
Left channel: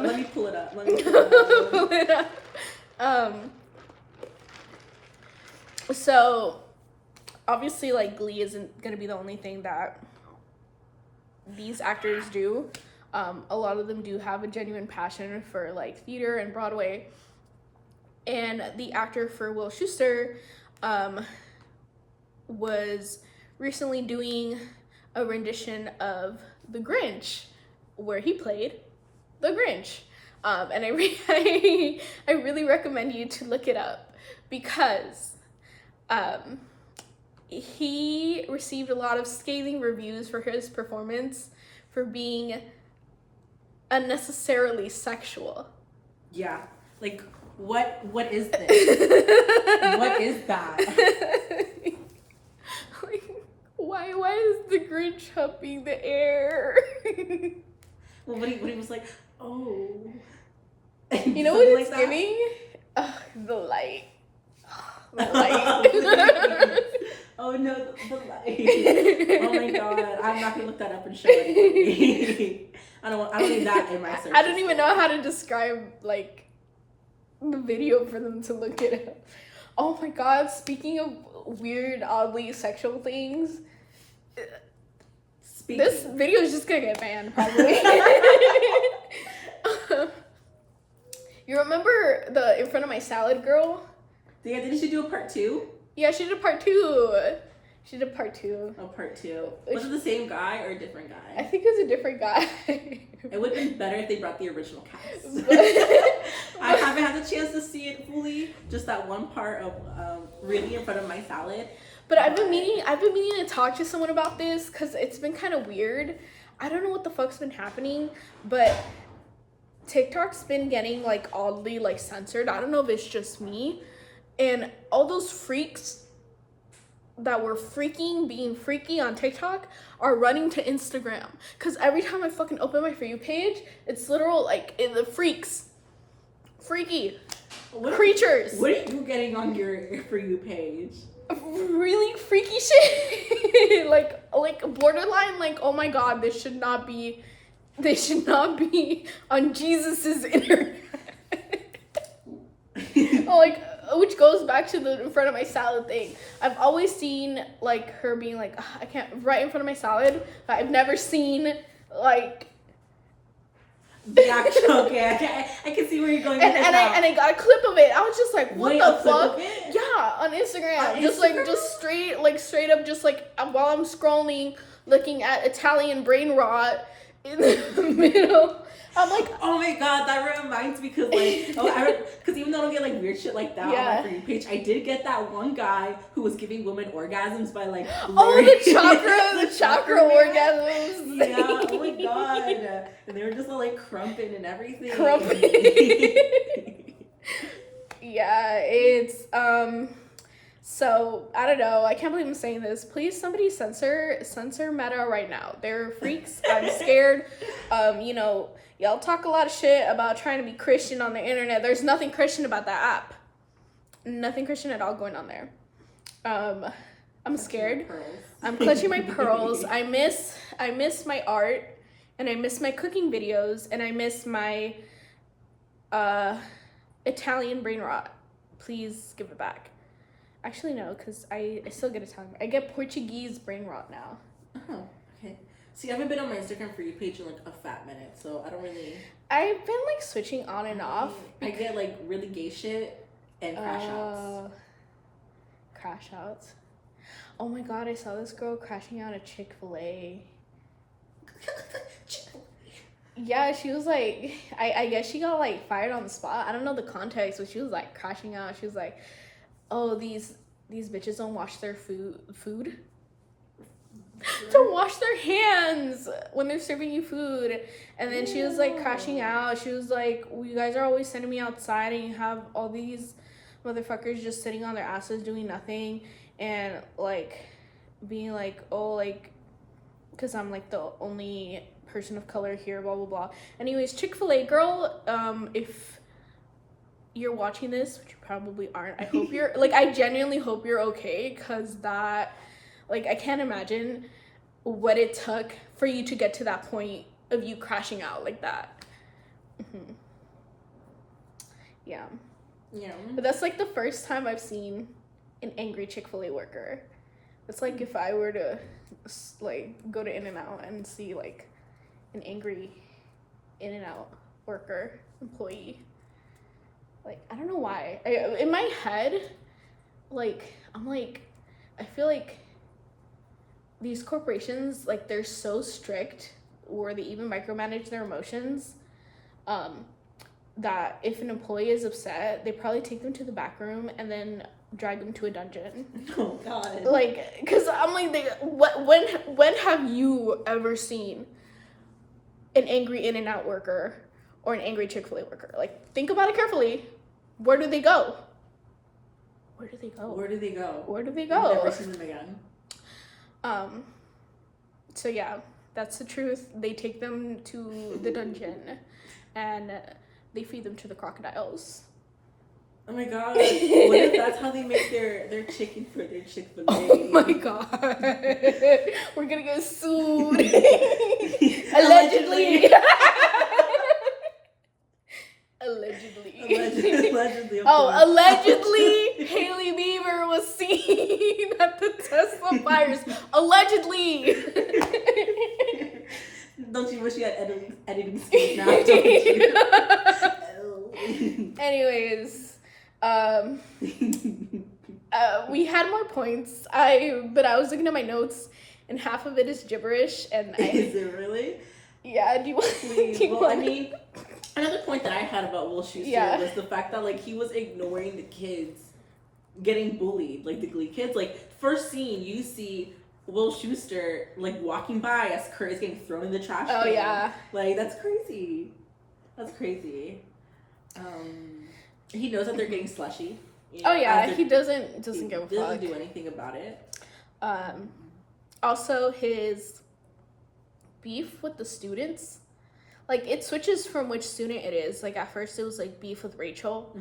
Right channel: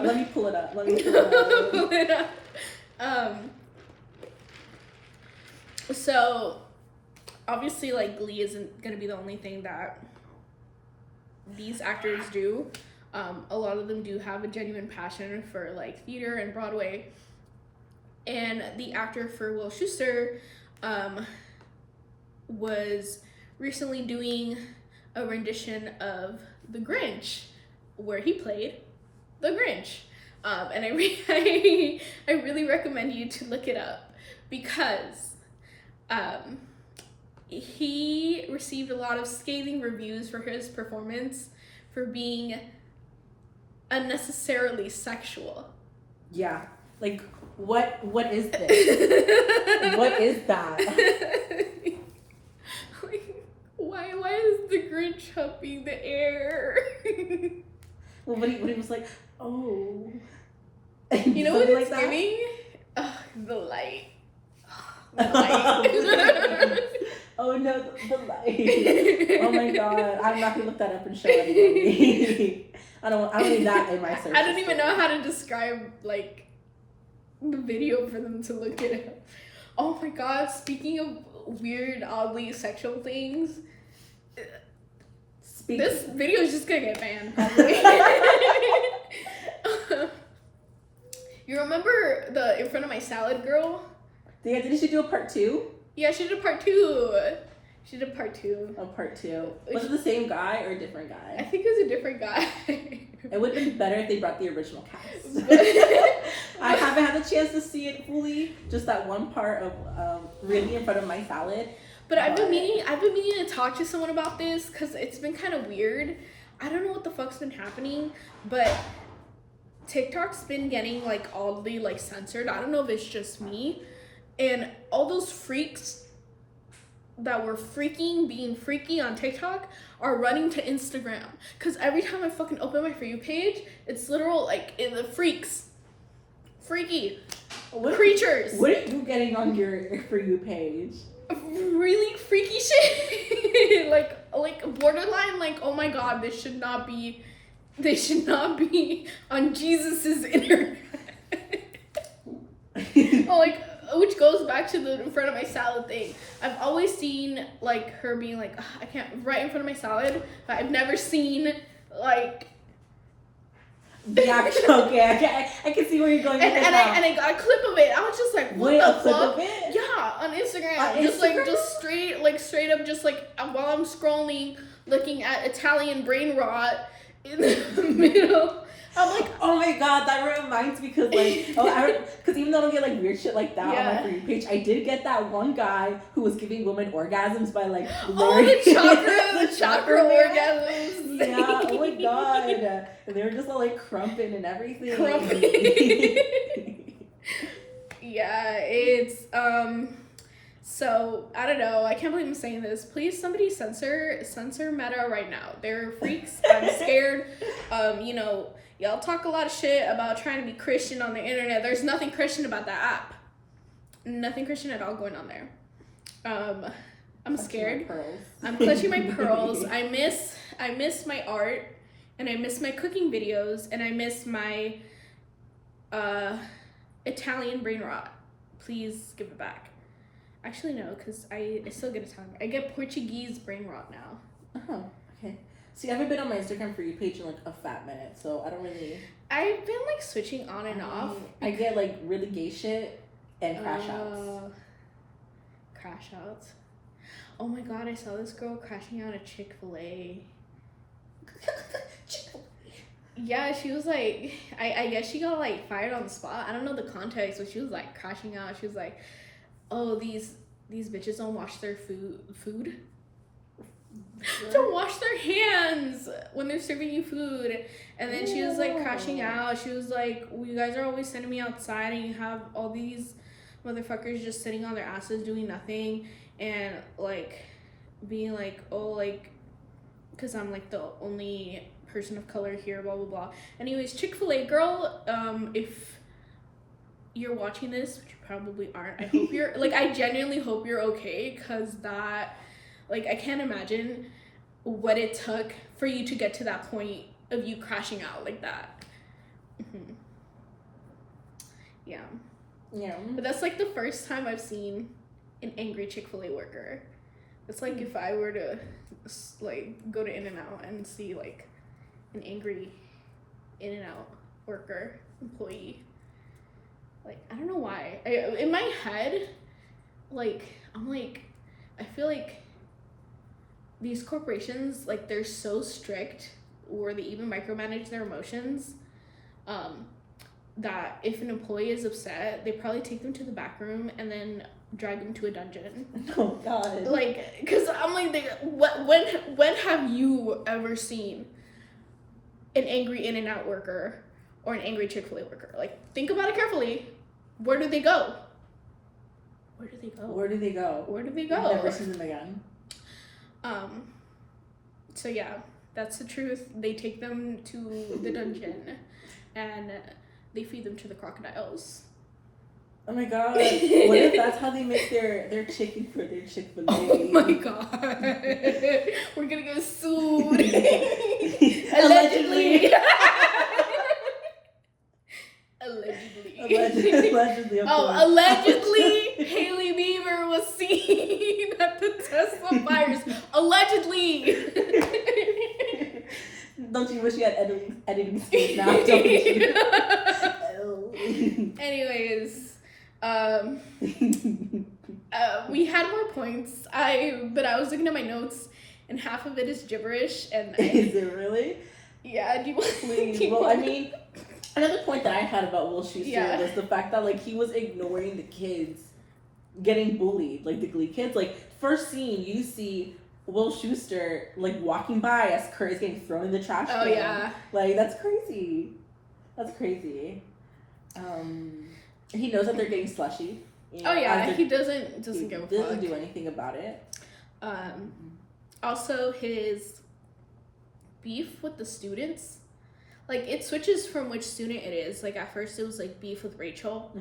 Let me pull it up. Pull it up. So, obviously, like, Glee isn't going to be the only thing that these actors do. A lot of them do have a genuine passion for, like, theater and Broadway. And the actor for Will Schuester was recently doing a rendition of The Grinch, where he played the Grinch. And I really recommend you to look it up because he received a lot of scathing reviews for his performance for being unnecessarily sexual. Yeah. Like, what is this? What is that? Why is the Grinch humping the air? Well, what he was like, oh. You know what it's doing? The light. The light. Oh no, the light. Oh my god. I'm not gonna look that up and show anybody. I don't need that in my search. I don't even know how to describe, like, the video for them to look at it. Oh my god, speaking of weird, oddly sexual things, this video is just gonna get banned, probably. You remember the In Front of My Salad girl? Yeah, didn't she do a part 2? Yeah, she did a part 2. She did part 2. Oh, part 2. Was it the same guy or a different guy? I think it was a different guy. It would have been better if they brought the original cast. I haven't had the chance to see it fully. Just that one part of really in front of my salad. But I've been meaning to talk to someone about this because it's been kind of weird. I don't know what the fuck's been happening, but TikTok's been getting like oddly like censored. I don't know if it's just me, and all those freaks that were being freaky on TikTok are running to Instagram. Cause every time I fucking open my For You page, it's literal like in the freaky creatures. What are you getting on your For You page? Really freaky shit. like borderline like, oh my god, this should not be on Jesus's internet. Like, which goes back to the in front of my salad thing. I've always seen like her being like, I can't, right in front of my salad. But I've never seen like the actual, okay, I can see where you're going with this now. And I got a clip of it. I was just like, what the fuck? Clip of it? Yeah, on Instagram. Just Straight up, just like while I'm scrolling, looking at Italian brain rot in the middle. I'm like, oh my god, that reminds me because like, because even though I don't get like weird shit like that on my For You page, I did get that one guy who was giving women orgasms by like the chakra orgasms. Yeah, oh my god, and they were just all like crumping and everything. Yeah, it's So I don't know. I can't believe I'm saying this. Please, somebody censor Meta right now. They're freaks. I'm scared. Y'all talk a lot of shit about trying to be Christian on the internet. There's nothing Christian about that app. Nothing Christian at all going on there. I'm scared. I'm clutching my pearls. I miss my art, and I miss my cooking videos, and I miss my Italian brain rot. Please give it back. Actually, no, because I still get Italian. I get Portuguese brain rot now. Oh, okay. See, I haven't been on my Instagram For You page in like a fat minute, so I don't really... I've been like switching on and off. I get like really gay shit and crash outs. Crash outs? Oh my god, I saw this girl crashing out at Chick-fil-A. Yeah, she was like... I guess she got like fired on the spot. I don't know the context, but she was like crashing out. She was like, oh, these bitches don't wash their food? Don't wash their hands when they're serving you food. And then she was like crashing out. She was like, well, you guys are always sending me outside and you have all these motherfuckers just sitting on their asses doing nothing and like being like, oh, like, because I'm like the only person of color here, blah blah blah. Anyways, Chick-fil-A girl, if you're watching this, which you probably aren't, I hope you're like, I genuinely hope you're okay, because that, like, I can't imagine what it took for you to get to that point of you crashing out like that. Mm-hmm. Yeah. But that's like the first time I've seen an angry Chick-fil-A worker. It's like if I were to like go to In-N-Out and see like an angry In-N-Out worker, employee. Like, I don't know why. In my head, like, I'm like, I feel like these corporations, like, they're so strict, or they even micromanage their emotions, that if an employee is upset, they probably take them to the back room and then drag them to a dungeon. Oh, God. Like, because I'm like, when have you ever seen an angry In-N-Out worker or an angry Chick-fil-A worker? Like, think about it carefully. Where do they go? Where do they go? Where do they go? Where do they go? I've never seen them again. So yeah, that's the truth. They take them to the dungeon and they feed them to the crocodiles. Oh my god. What if that's how they make their chicken for their Chick-fil-A? Oh my god. We're gonna get sued. Allegedly. Allegedly. Allegedly, Hailey Bieber was seen at the Tesla fires. Allegedly. Don't you wish you had editing skills now? Don't you? Anyways, We had more points. But I was looking at my notes, and half of it is gibberish. And Is it really? Yeah. Do you want? Please. Well, I mean, another point that I had about Will Schuester was the fact that like he was ignoring the kids getting bullied, like the Glee kids. Like first scene, you see Will Schuester like walking by as Kurt is getting thrown in the trash can. Oh yeah. Like that's crazy. That's crazy. He knows that they're getting slushy. Oh yeah, he doesn't give a fuck. Doesn't do anything about it. Also his beef with the students, like it switches from which student it is. Like at first it was like beef with Rachel.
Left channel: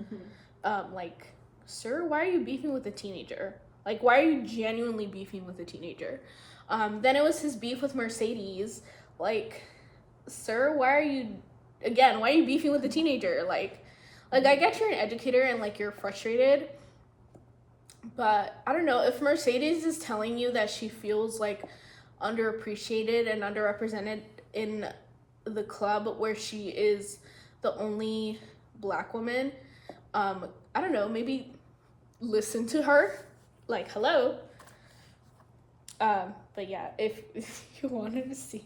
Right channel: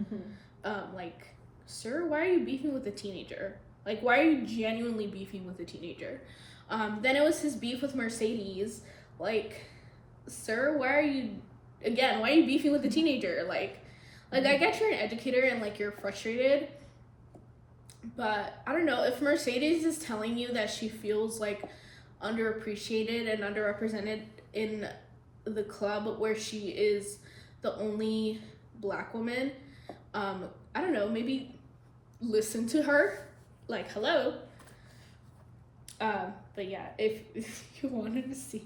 Like, sir, why are you beefing with a teenager? Like, why are you genuinely beefing with a teenager? Then it was his beef with Mercedes. Like, sir, why are you beefing with a teenager? Like I get you're an educator and like you're frustrated, but I don't know, if Mercedes is telling you that she feels like underappreciated and underrepresented in the club where she is the only Black woman, I don't know, maybe listen to her. Like, hello. But yeah, if you wanted to see,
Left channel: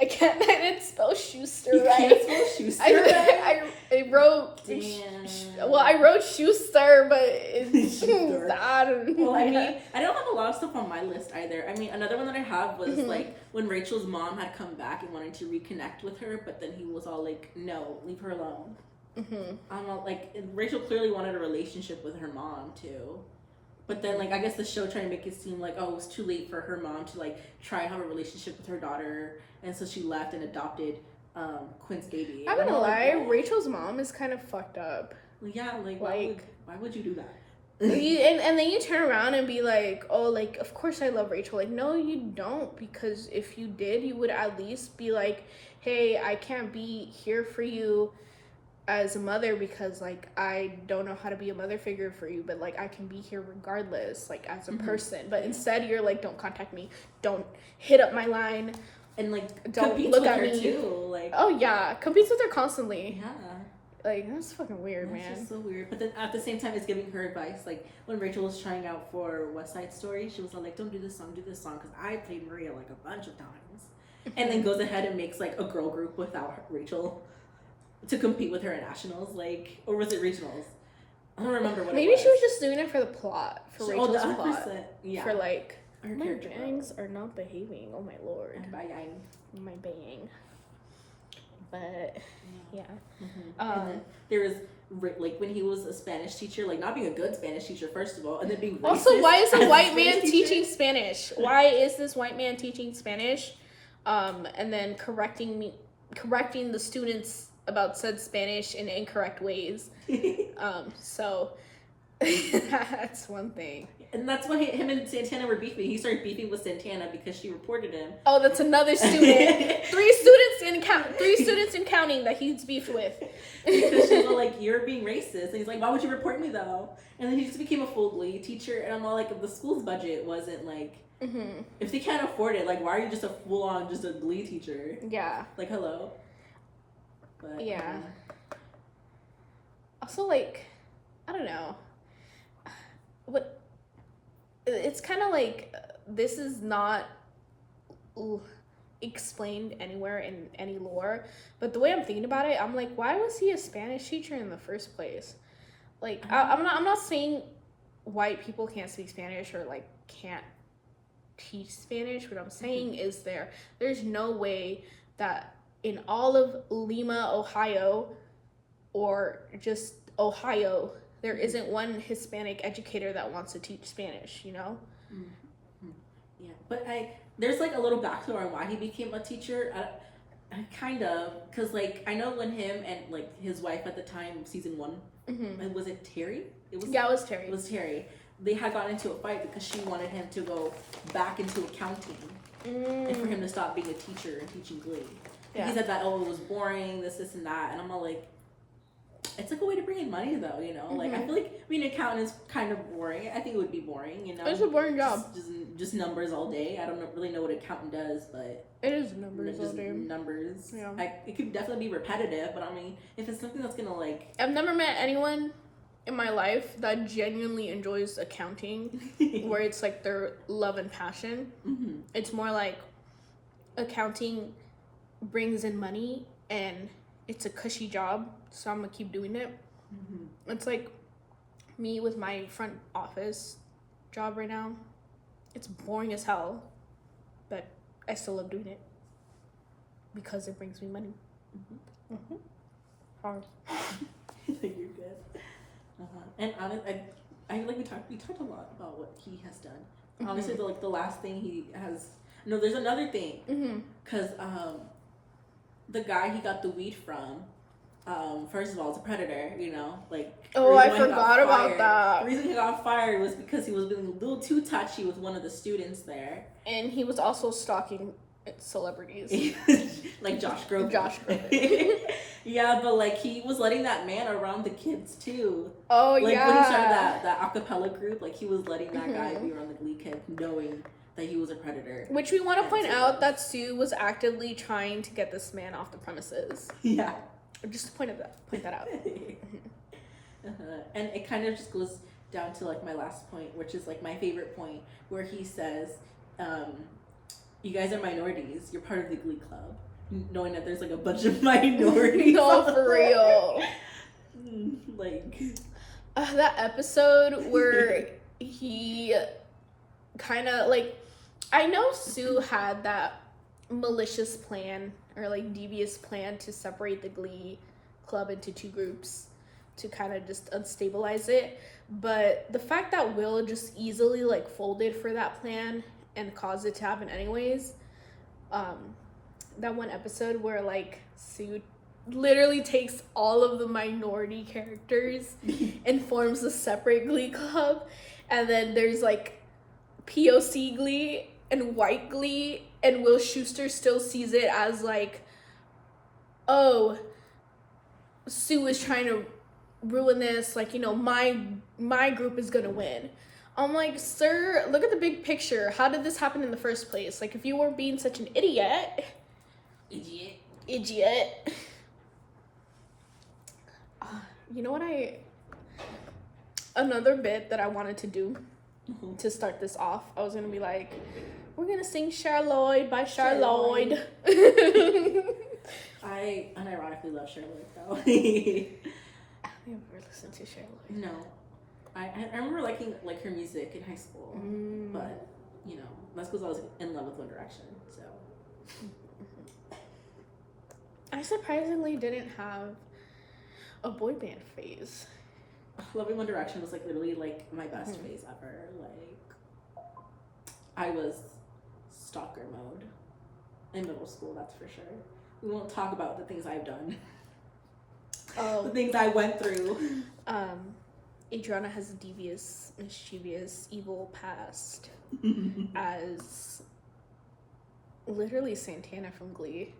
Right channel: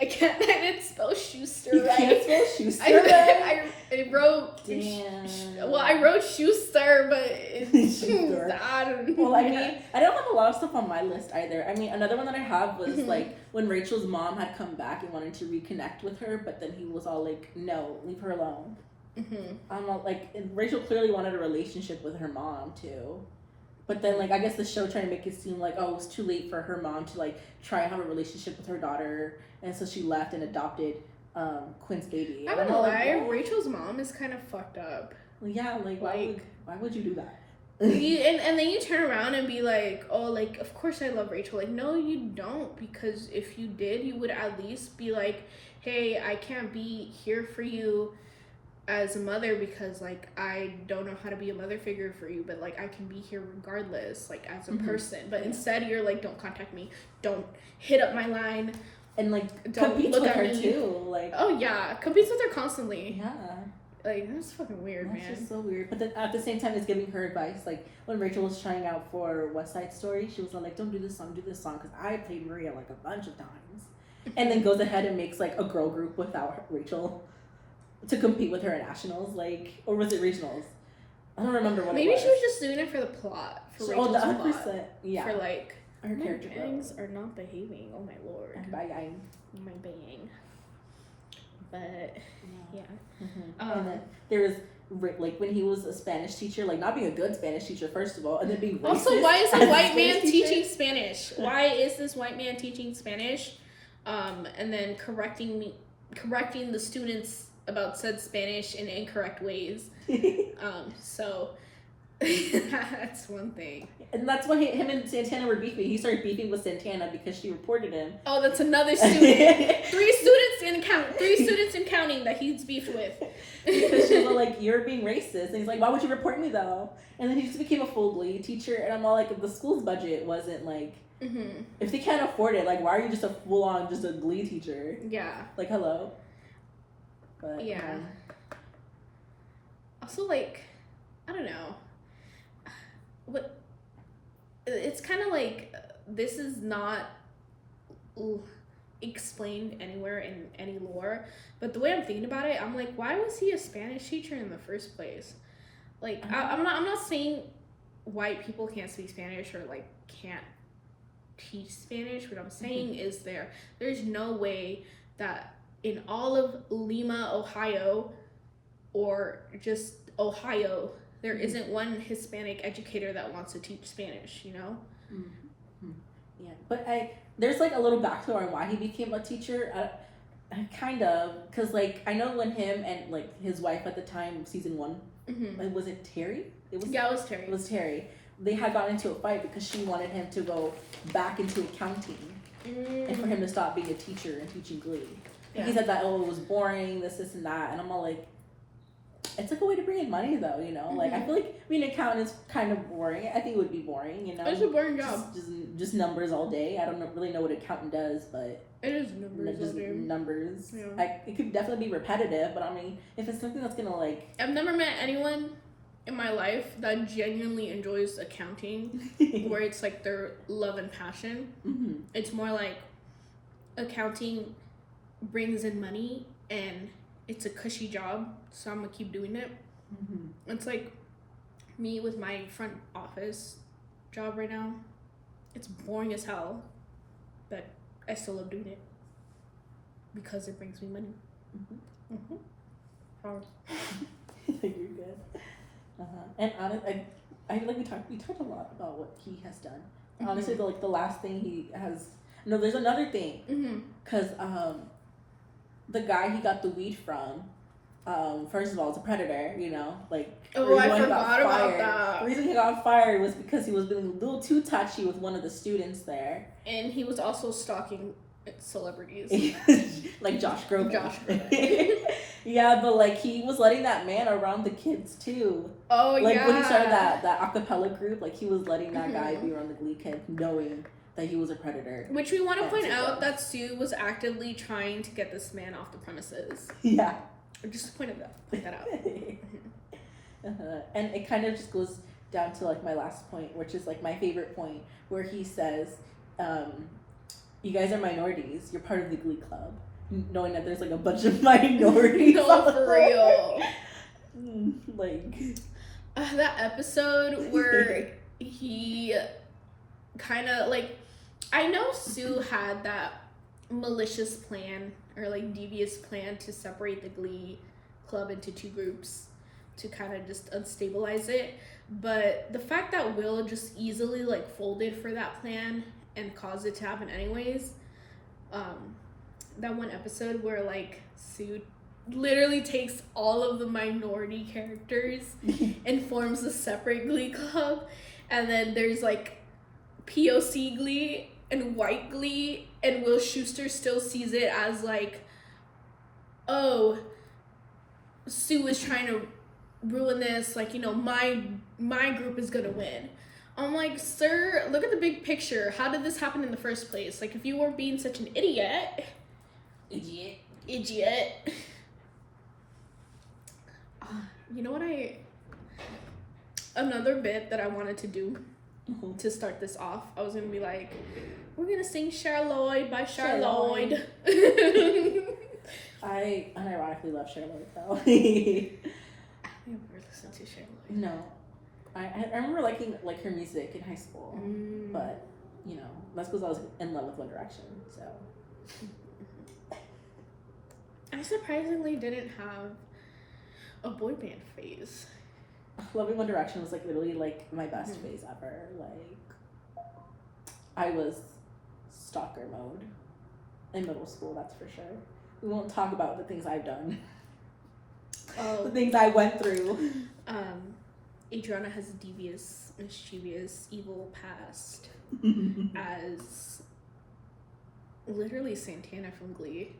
I didn't spell Schuster right. You can't spell Schuster right? I wrote. Damn. Well, I wrote Schuster, but Schuster. I don't know. Well, I mean, I don't have a lot of stuff on my list either. I mean, another one that I have was like when Rachel's mom had come back and wanted to reconnect with her, but then he was all like, "No, leave her alone." I'm all like, Rachel clearly wanted a relationship with her mom too. But then, like, I guess the show tried to make it seem like, oh, it was too late for her mom to, like, try and have a relationship with her daughter. And so she left and adopted Quinn's baby. I'm gonna lie, Rachel's mom is kind of fucked up. Well, yeah, like why would you do that? and then you turn around and be like, oh, like, of course I love Rachel. Like, no, you don't. Because if you did, you would at least be like, hey, I can't be here for you as a mother because like I don't know how to be a mother figure for you, but like I can be here regardless, like as a person. But instead you're like, don't contact me, don't hit up my line, and like don't competes look with at her me. Too. Like, oh yeah, competes with her constantly. Yeah, like that's fucking weird. That's just so weird. But then at the same time, it's giving her advice. Like when Rachel was trying out for West Side Story, she was like, don't do this song, because I played Maria like a bunch of times, and then goes ahead and makes like a girl group without Rachel to compete with her at nationals, like, or was it regionals? I don't remember what. Maybe it was. she was just doing it for the plot, for Rachel's the 100%, plot. Yeah. For like her character bangs are not behaving. Oh my lord. And my bang. My bang. But yeah. And then there was like when he was a Spanish teacher, like not being a good Spanish teacher first of all, and then being racist. Also, why is a white man teacher? teaching Spanish? Why is this white man teaching Spanish? And then correcting the students about said Spanish in incorrect ways. So that's one thing. And that's why him and Santana were beefing. He started beefing with Santana because she reported him. Oh, that's another student. three students in counting that he's beefed with. Because she was all like, you're being racist. And he's like, why would you report me though? And then he just became a full Glee teacher. And I'm all like, if the school's budget wasn't like, if they can't afford it, like, why are you just a full-on, just a Glee teacher? Yeah. Like, hello? But, yeah. Also, like, I don't know. What? It's kind of like, this is not explained anywhere in any lore. But the way I'm thinking about it, I'm like, why was he a Spanish teacher in the first place? Like, I'm not saying white people can't speak Spanish or, like, can't teach Spanish. What I'm saying is there's no way that in all of Lima, Ohio, or just Ohio, there isn't one Hispanic educator that wants to teach Spanish, you know? Yeah, but there's like a little backstory on why he became a teacher. Kind of, because like I know when him and like his wife at the time, season 1, was it Terry? It was Terry. It was Terry. They had gotten into a fight because she wanted him to go back into accounting and for him to stop being a teacher and teaching Glee. Yeah. He said that, it was boring, this and that. And I'm all like, it's like a way to bring in money though, you know? Like, I feel like being an accountant is kind of boring. I think it would be boring, you know? It's a boring job. Just numbers all day. I don't really know what an accountant does, but... It is numbers all day. Numbers. Yeah. It could definitely be repetitive, but I mean, if it's something that's gonna like... I've never met anyone in my life that genuinely enjoys accounting, where it's like their love and passion. Mm-hmm. It's more like accounting brings in money and it's a cushy job, so I'm gonna keep doing it. Mm-hmm. It's like me with my front office job right now. It's boring as hell, but I still love doing it because it brings me money. Mm-hmm. Mm-hmm. Hard. You're good. And honestly, I feel like we talked a lot about what he has done. Mm-hmm. Honestly, the last thing he has. No, there's another thing. Because the guy he got the weed from, first of all, is a predator. You know, like. Oh, I forgot about that. The reason he got fired was because he was being a little too touchy with one of the students there. And he was also stalking celebrities. Like Josh Groban. Josh Groban. Yeah, but like he was letting that man around the kids too. Oh, like, yeah. When he started that acapella group, like he was letting that guy be around the Glee kids, knowing that he was a predator. Which we want to point out that Sue was actively trying to get this man off the premises. Yeah. Just to point that out. And it kind of just goes down to like my last point, which is like my favorite point, where he says, you guys are minorities, you're part of the Glee club, knowing that there's like a bunch of minorities. No, for real. Like that episode where he kind of like, I know Sue had that malicious plan or like devious plan to separate the Glee club into two groups to kind of just unstabilize it, but the fact that Will just easily like folded for that plan and caused it to happen anyways, that one episode where like Sue literally takes all of the minority characters and forms a separate Glee club, and then there's like POC Glee and white Glee, and Will Schuester still sees it as like, oh, Sue is trying to ruin this, like, you know, my group is gonna win. I'm like, sir, look at the big picture. How did this happen in the first place? Like, if you weren't being such an idiot. You know what another bit that I wanted to do to start this off, I was gonna be like, we're gonna sing Charlotte by Charlotte. I unironically love Charlotte though. I never listened to Charlotte. No. I remember liking like her music in high school, but you know, that's because I was in love with One Direction, so. I surprisingly didn't have a boy band phase. Loving One Direction was like literally like my best phase ever. Like, I was stalker mode in middle school, that's for sure. We won't talk about the things I've done. Oh. The things I went through. Adriana has a devious, mischievous, evil past as literally Santana from Glee.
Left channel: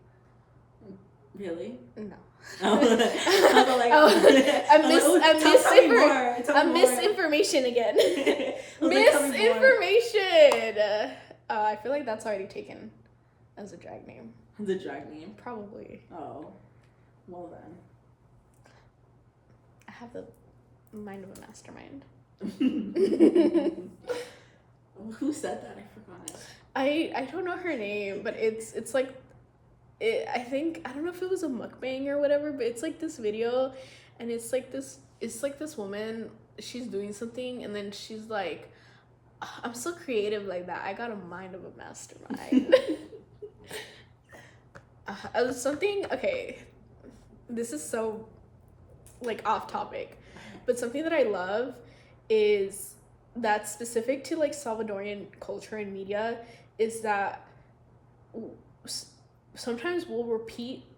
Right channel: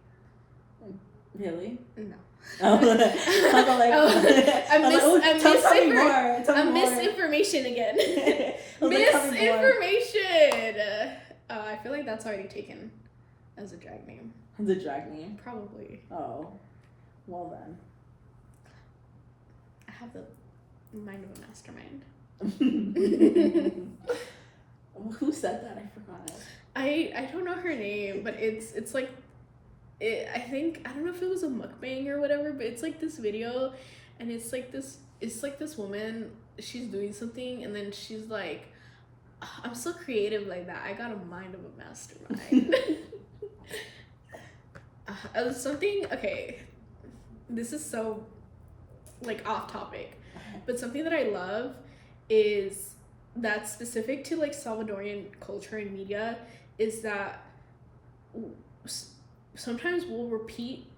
Really? No. I'm misinformation again. Misinformation. I feel like that's already taken as a drag name. The drag name? Probably. Oh. Well then. I have the mind of a mastermind. Who said that? I forgot. I don't know her name, but it's like, I think, I don't know if it was a mukbang or whatever, but it's like this video, and it's like this woman, she's doing something, and then she's like, I'm so creative like that, I got a mind of a mastermind. Okay, this is so like off topic, but something that I love is that's specific to like Salvadorian culture and media is that sometimes we'll repeat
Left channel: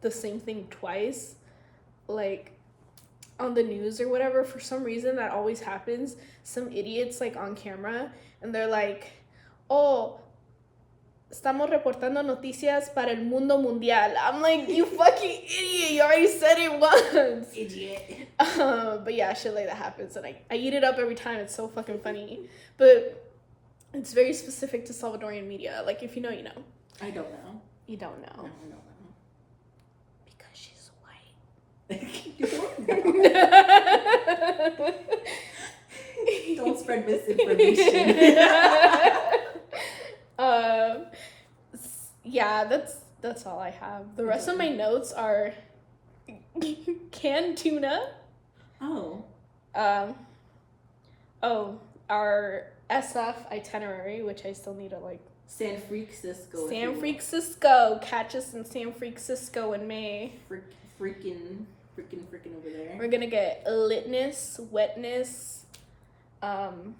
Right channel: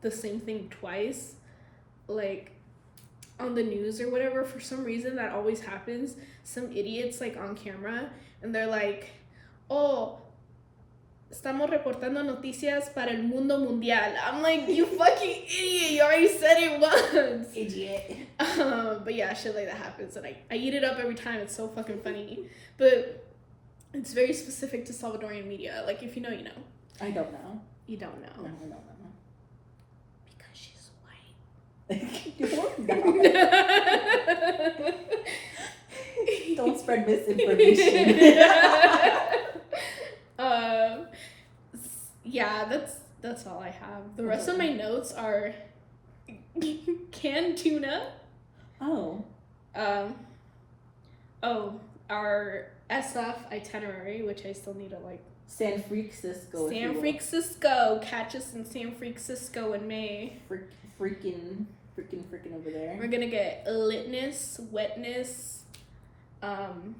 the same thing twice, like on the news or whatever. For some reason that always happens. Some idiots like on camera and they're like, oh, estamos reportando noticias para el mundo mundial. I'm like, you fucking idiot, you already said it once. Idiot. But yeah, shit like that happens, and I eat it up every time. It's so fucking funny. But it's very specific to Salvadorian media. Like, if you know, you know. I don't know. You don't know. No, I don't know. Because she's white. Don't spread misinformation. Yeah, that's all I have. The rest of my notes are canned tuna. Oh. Our SF itinerary, which I still need to like. San Francisco. San Francisco. Catch us in San Francisco in May. Freaking over there. We're gonna get litness, wetness, Gucci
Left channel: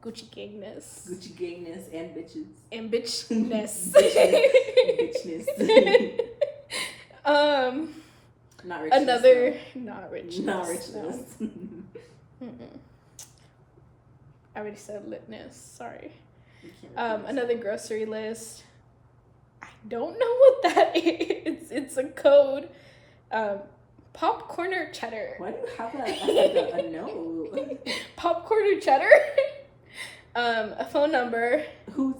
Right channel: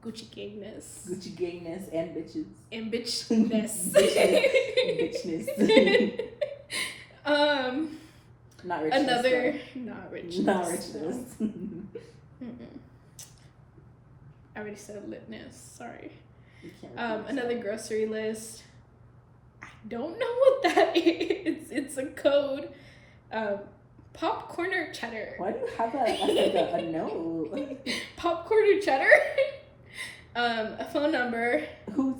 gangness. Gucci gangness and bitches. And bitchness. Bitchness. Not richness. Another though. not richness. Not richness. No. I already said litness. Sorry. Another Another grocery list. I don't know what that is. It's a code. Popcorn or cheddar? Why do you have that as like a note? Popcorn or cheddar? A phone number. Who's?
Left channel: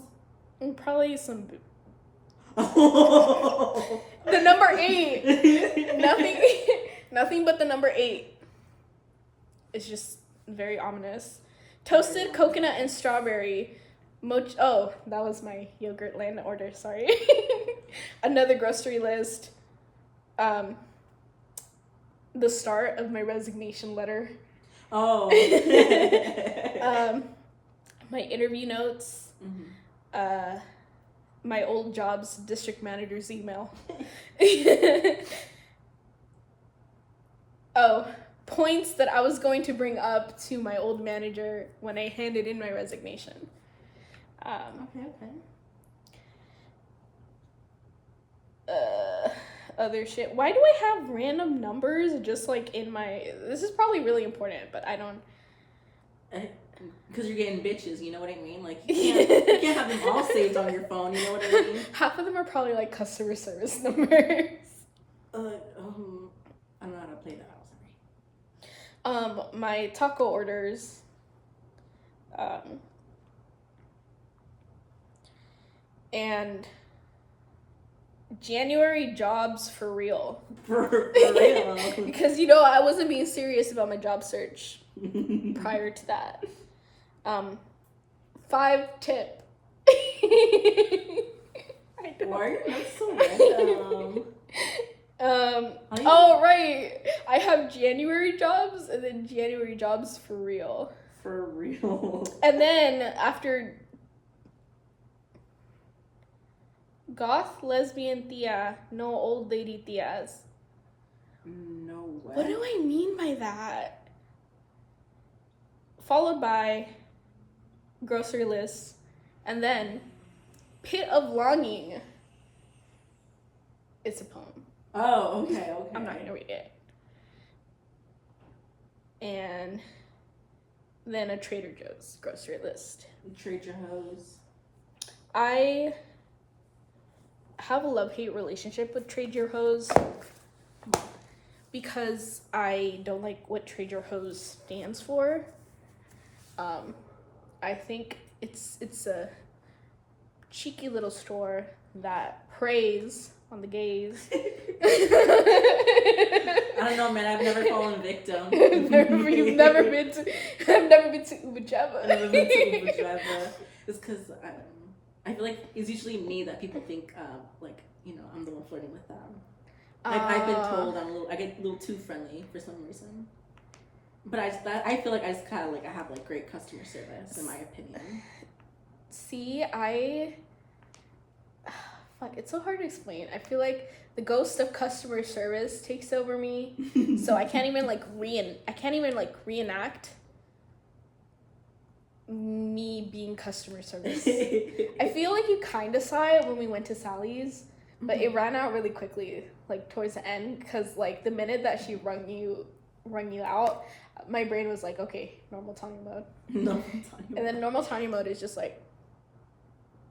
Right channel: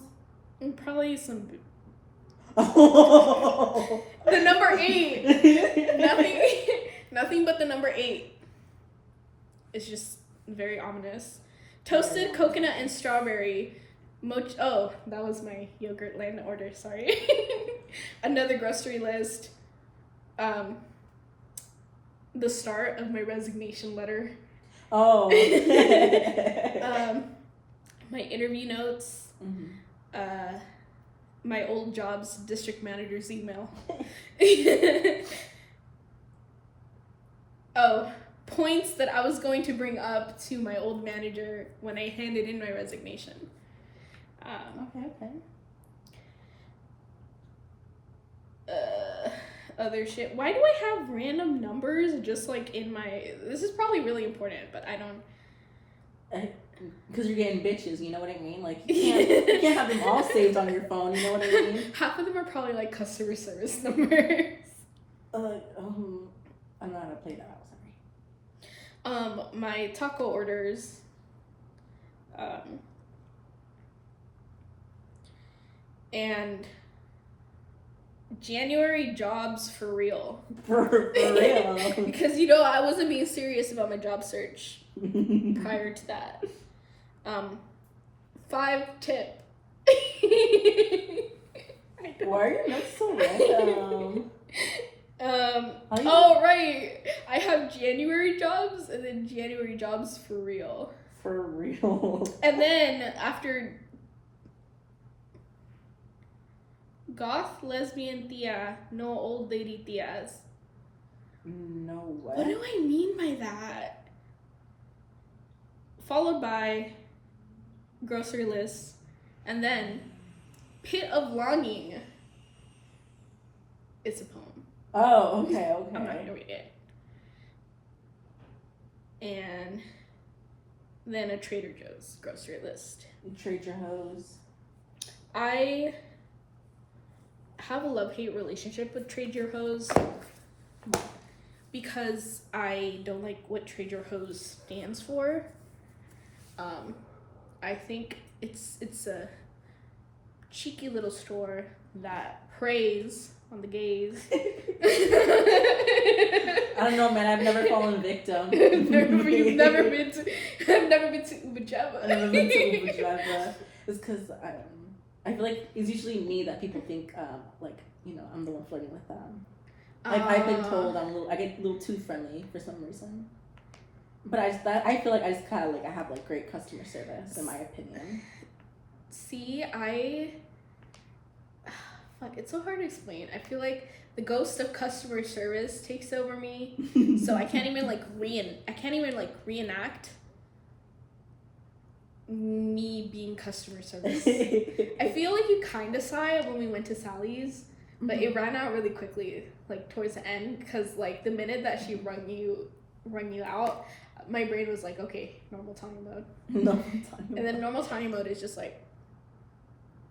Probably some. The number 8. Nothing but the number 8. It's just very ominous. Toasted coconut and strawberry. Oh, that was my yogurt land order. Sorry. Another grocery list. The start of my resignation letter. Oh. My interview notes. Mm-hmm. My old job's district manager's email. Oh, points that I was going to bring up to my old manager when I handed in my resignation. Okay. Other shit. Why do I have random numbers just like in my... This is probably really important, but I don't... Because you're getting bitches, you know what I mean? Like, you can't have them all saved on your phone, you know what I mean? Half of them are probably like customer service numbers. I don't know how to play that out, sorry. My taco orders. And January jobs for real. For real. Because, you know, I wasn't being serious about my job search prior to that. 5 tip. Why are your notes so random? Oh, right. I have January jobs and then January jobs for real. For real. And then after goth, lesbian, tia, no old lady tias. No way. What do I mean by that? Followed by grocery list and then pit of longing. It's a poem. Oh, okay. I'm not gonna read it. And then a Trader Joe's grocery list. Trade your hose. I have a love-hate relationship with Trade Your Hose because I don't like what Trade Your Hose stands for. I think it's a cheeky little store that preys on the gays. I don't know, man. I've never fallen victim. I've never been to Ubajeva. I've never been to Ubajeva. It's because I feel like it's usually me that people think like, you know, I'm the one flirting with them. I've been told I get a little too friendly for some reason. But I feel like I just kind of like I have like great customer service in my opinion. See, fuck, it's so hard to explain. I feel like the ghost of customer service takes over me, so I can't even like reenact me being customer service. I feel like you kind of saw it when we went to Sally's, but it ran out really quickly, like towards the end, because like the minute that she rung you out, my brain was like, okay, normal Tanya mode. And then normal Tanya mode is just like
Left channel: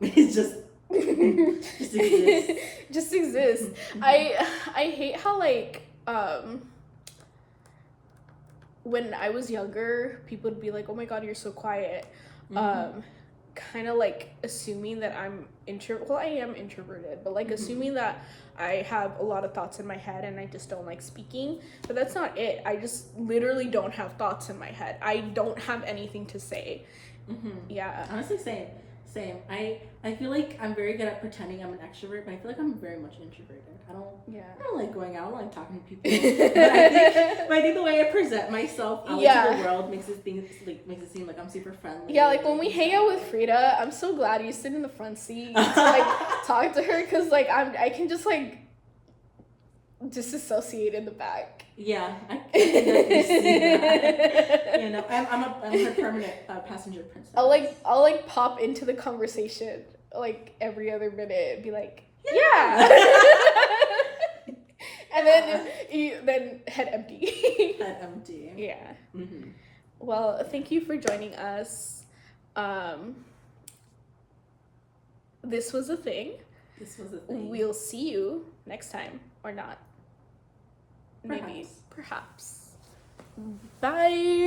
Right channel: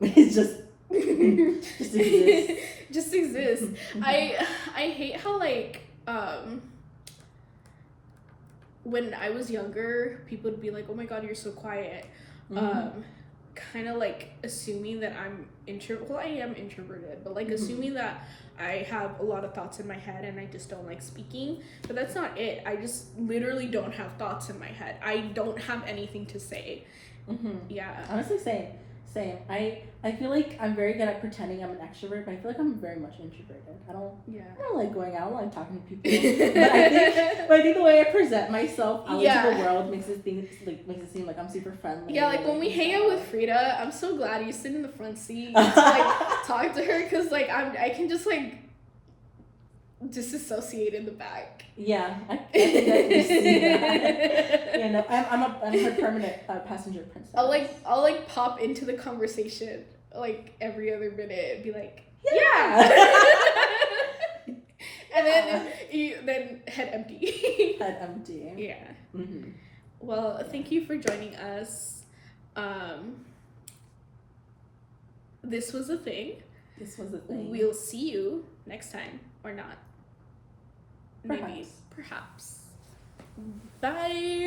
it's just exists. Just exists. I hate how like when I was younger, people would be like, oh my god, you're so quiet. kind of like assuming that I'm well, I am introverted, but like assuming that I have a lot of thoughts in my head and I just don't like speaking. But that's not it. I just literally don't have thoughts in my head. I don't have anything to say. Yeah. Honestly, same. I feel like I'm very good at pretending I'm an extrovert, but I feel like I'm very much introverted. I don't like going out. I don't like talking to people. but I think the way I present myself out into the world makes it seem like I'm super friendly. Yeah, like when we hang out with Frida, I'm so glad you sit in the front seat to like talk to her, because like I can just like disassociate in the back. Yeah, I can definitely see that. You know, I'm her permanent passenger princess. I'll like pop into the conversation like every other minute and be like, yeah. And then head empty. Head empty. Yeah. Well, thank you for joining us. This was a thing. We'll see you next time, or not. Perhaps. Bye.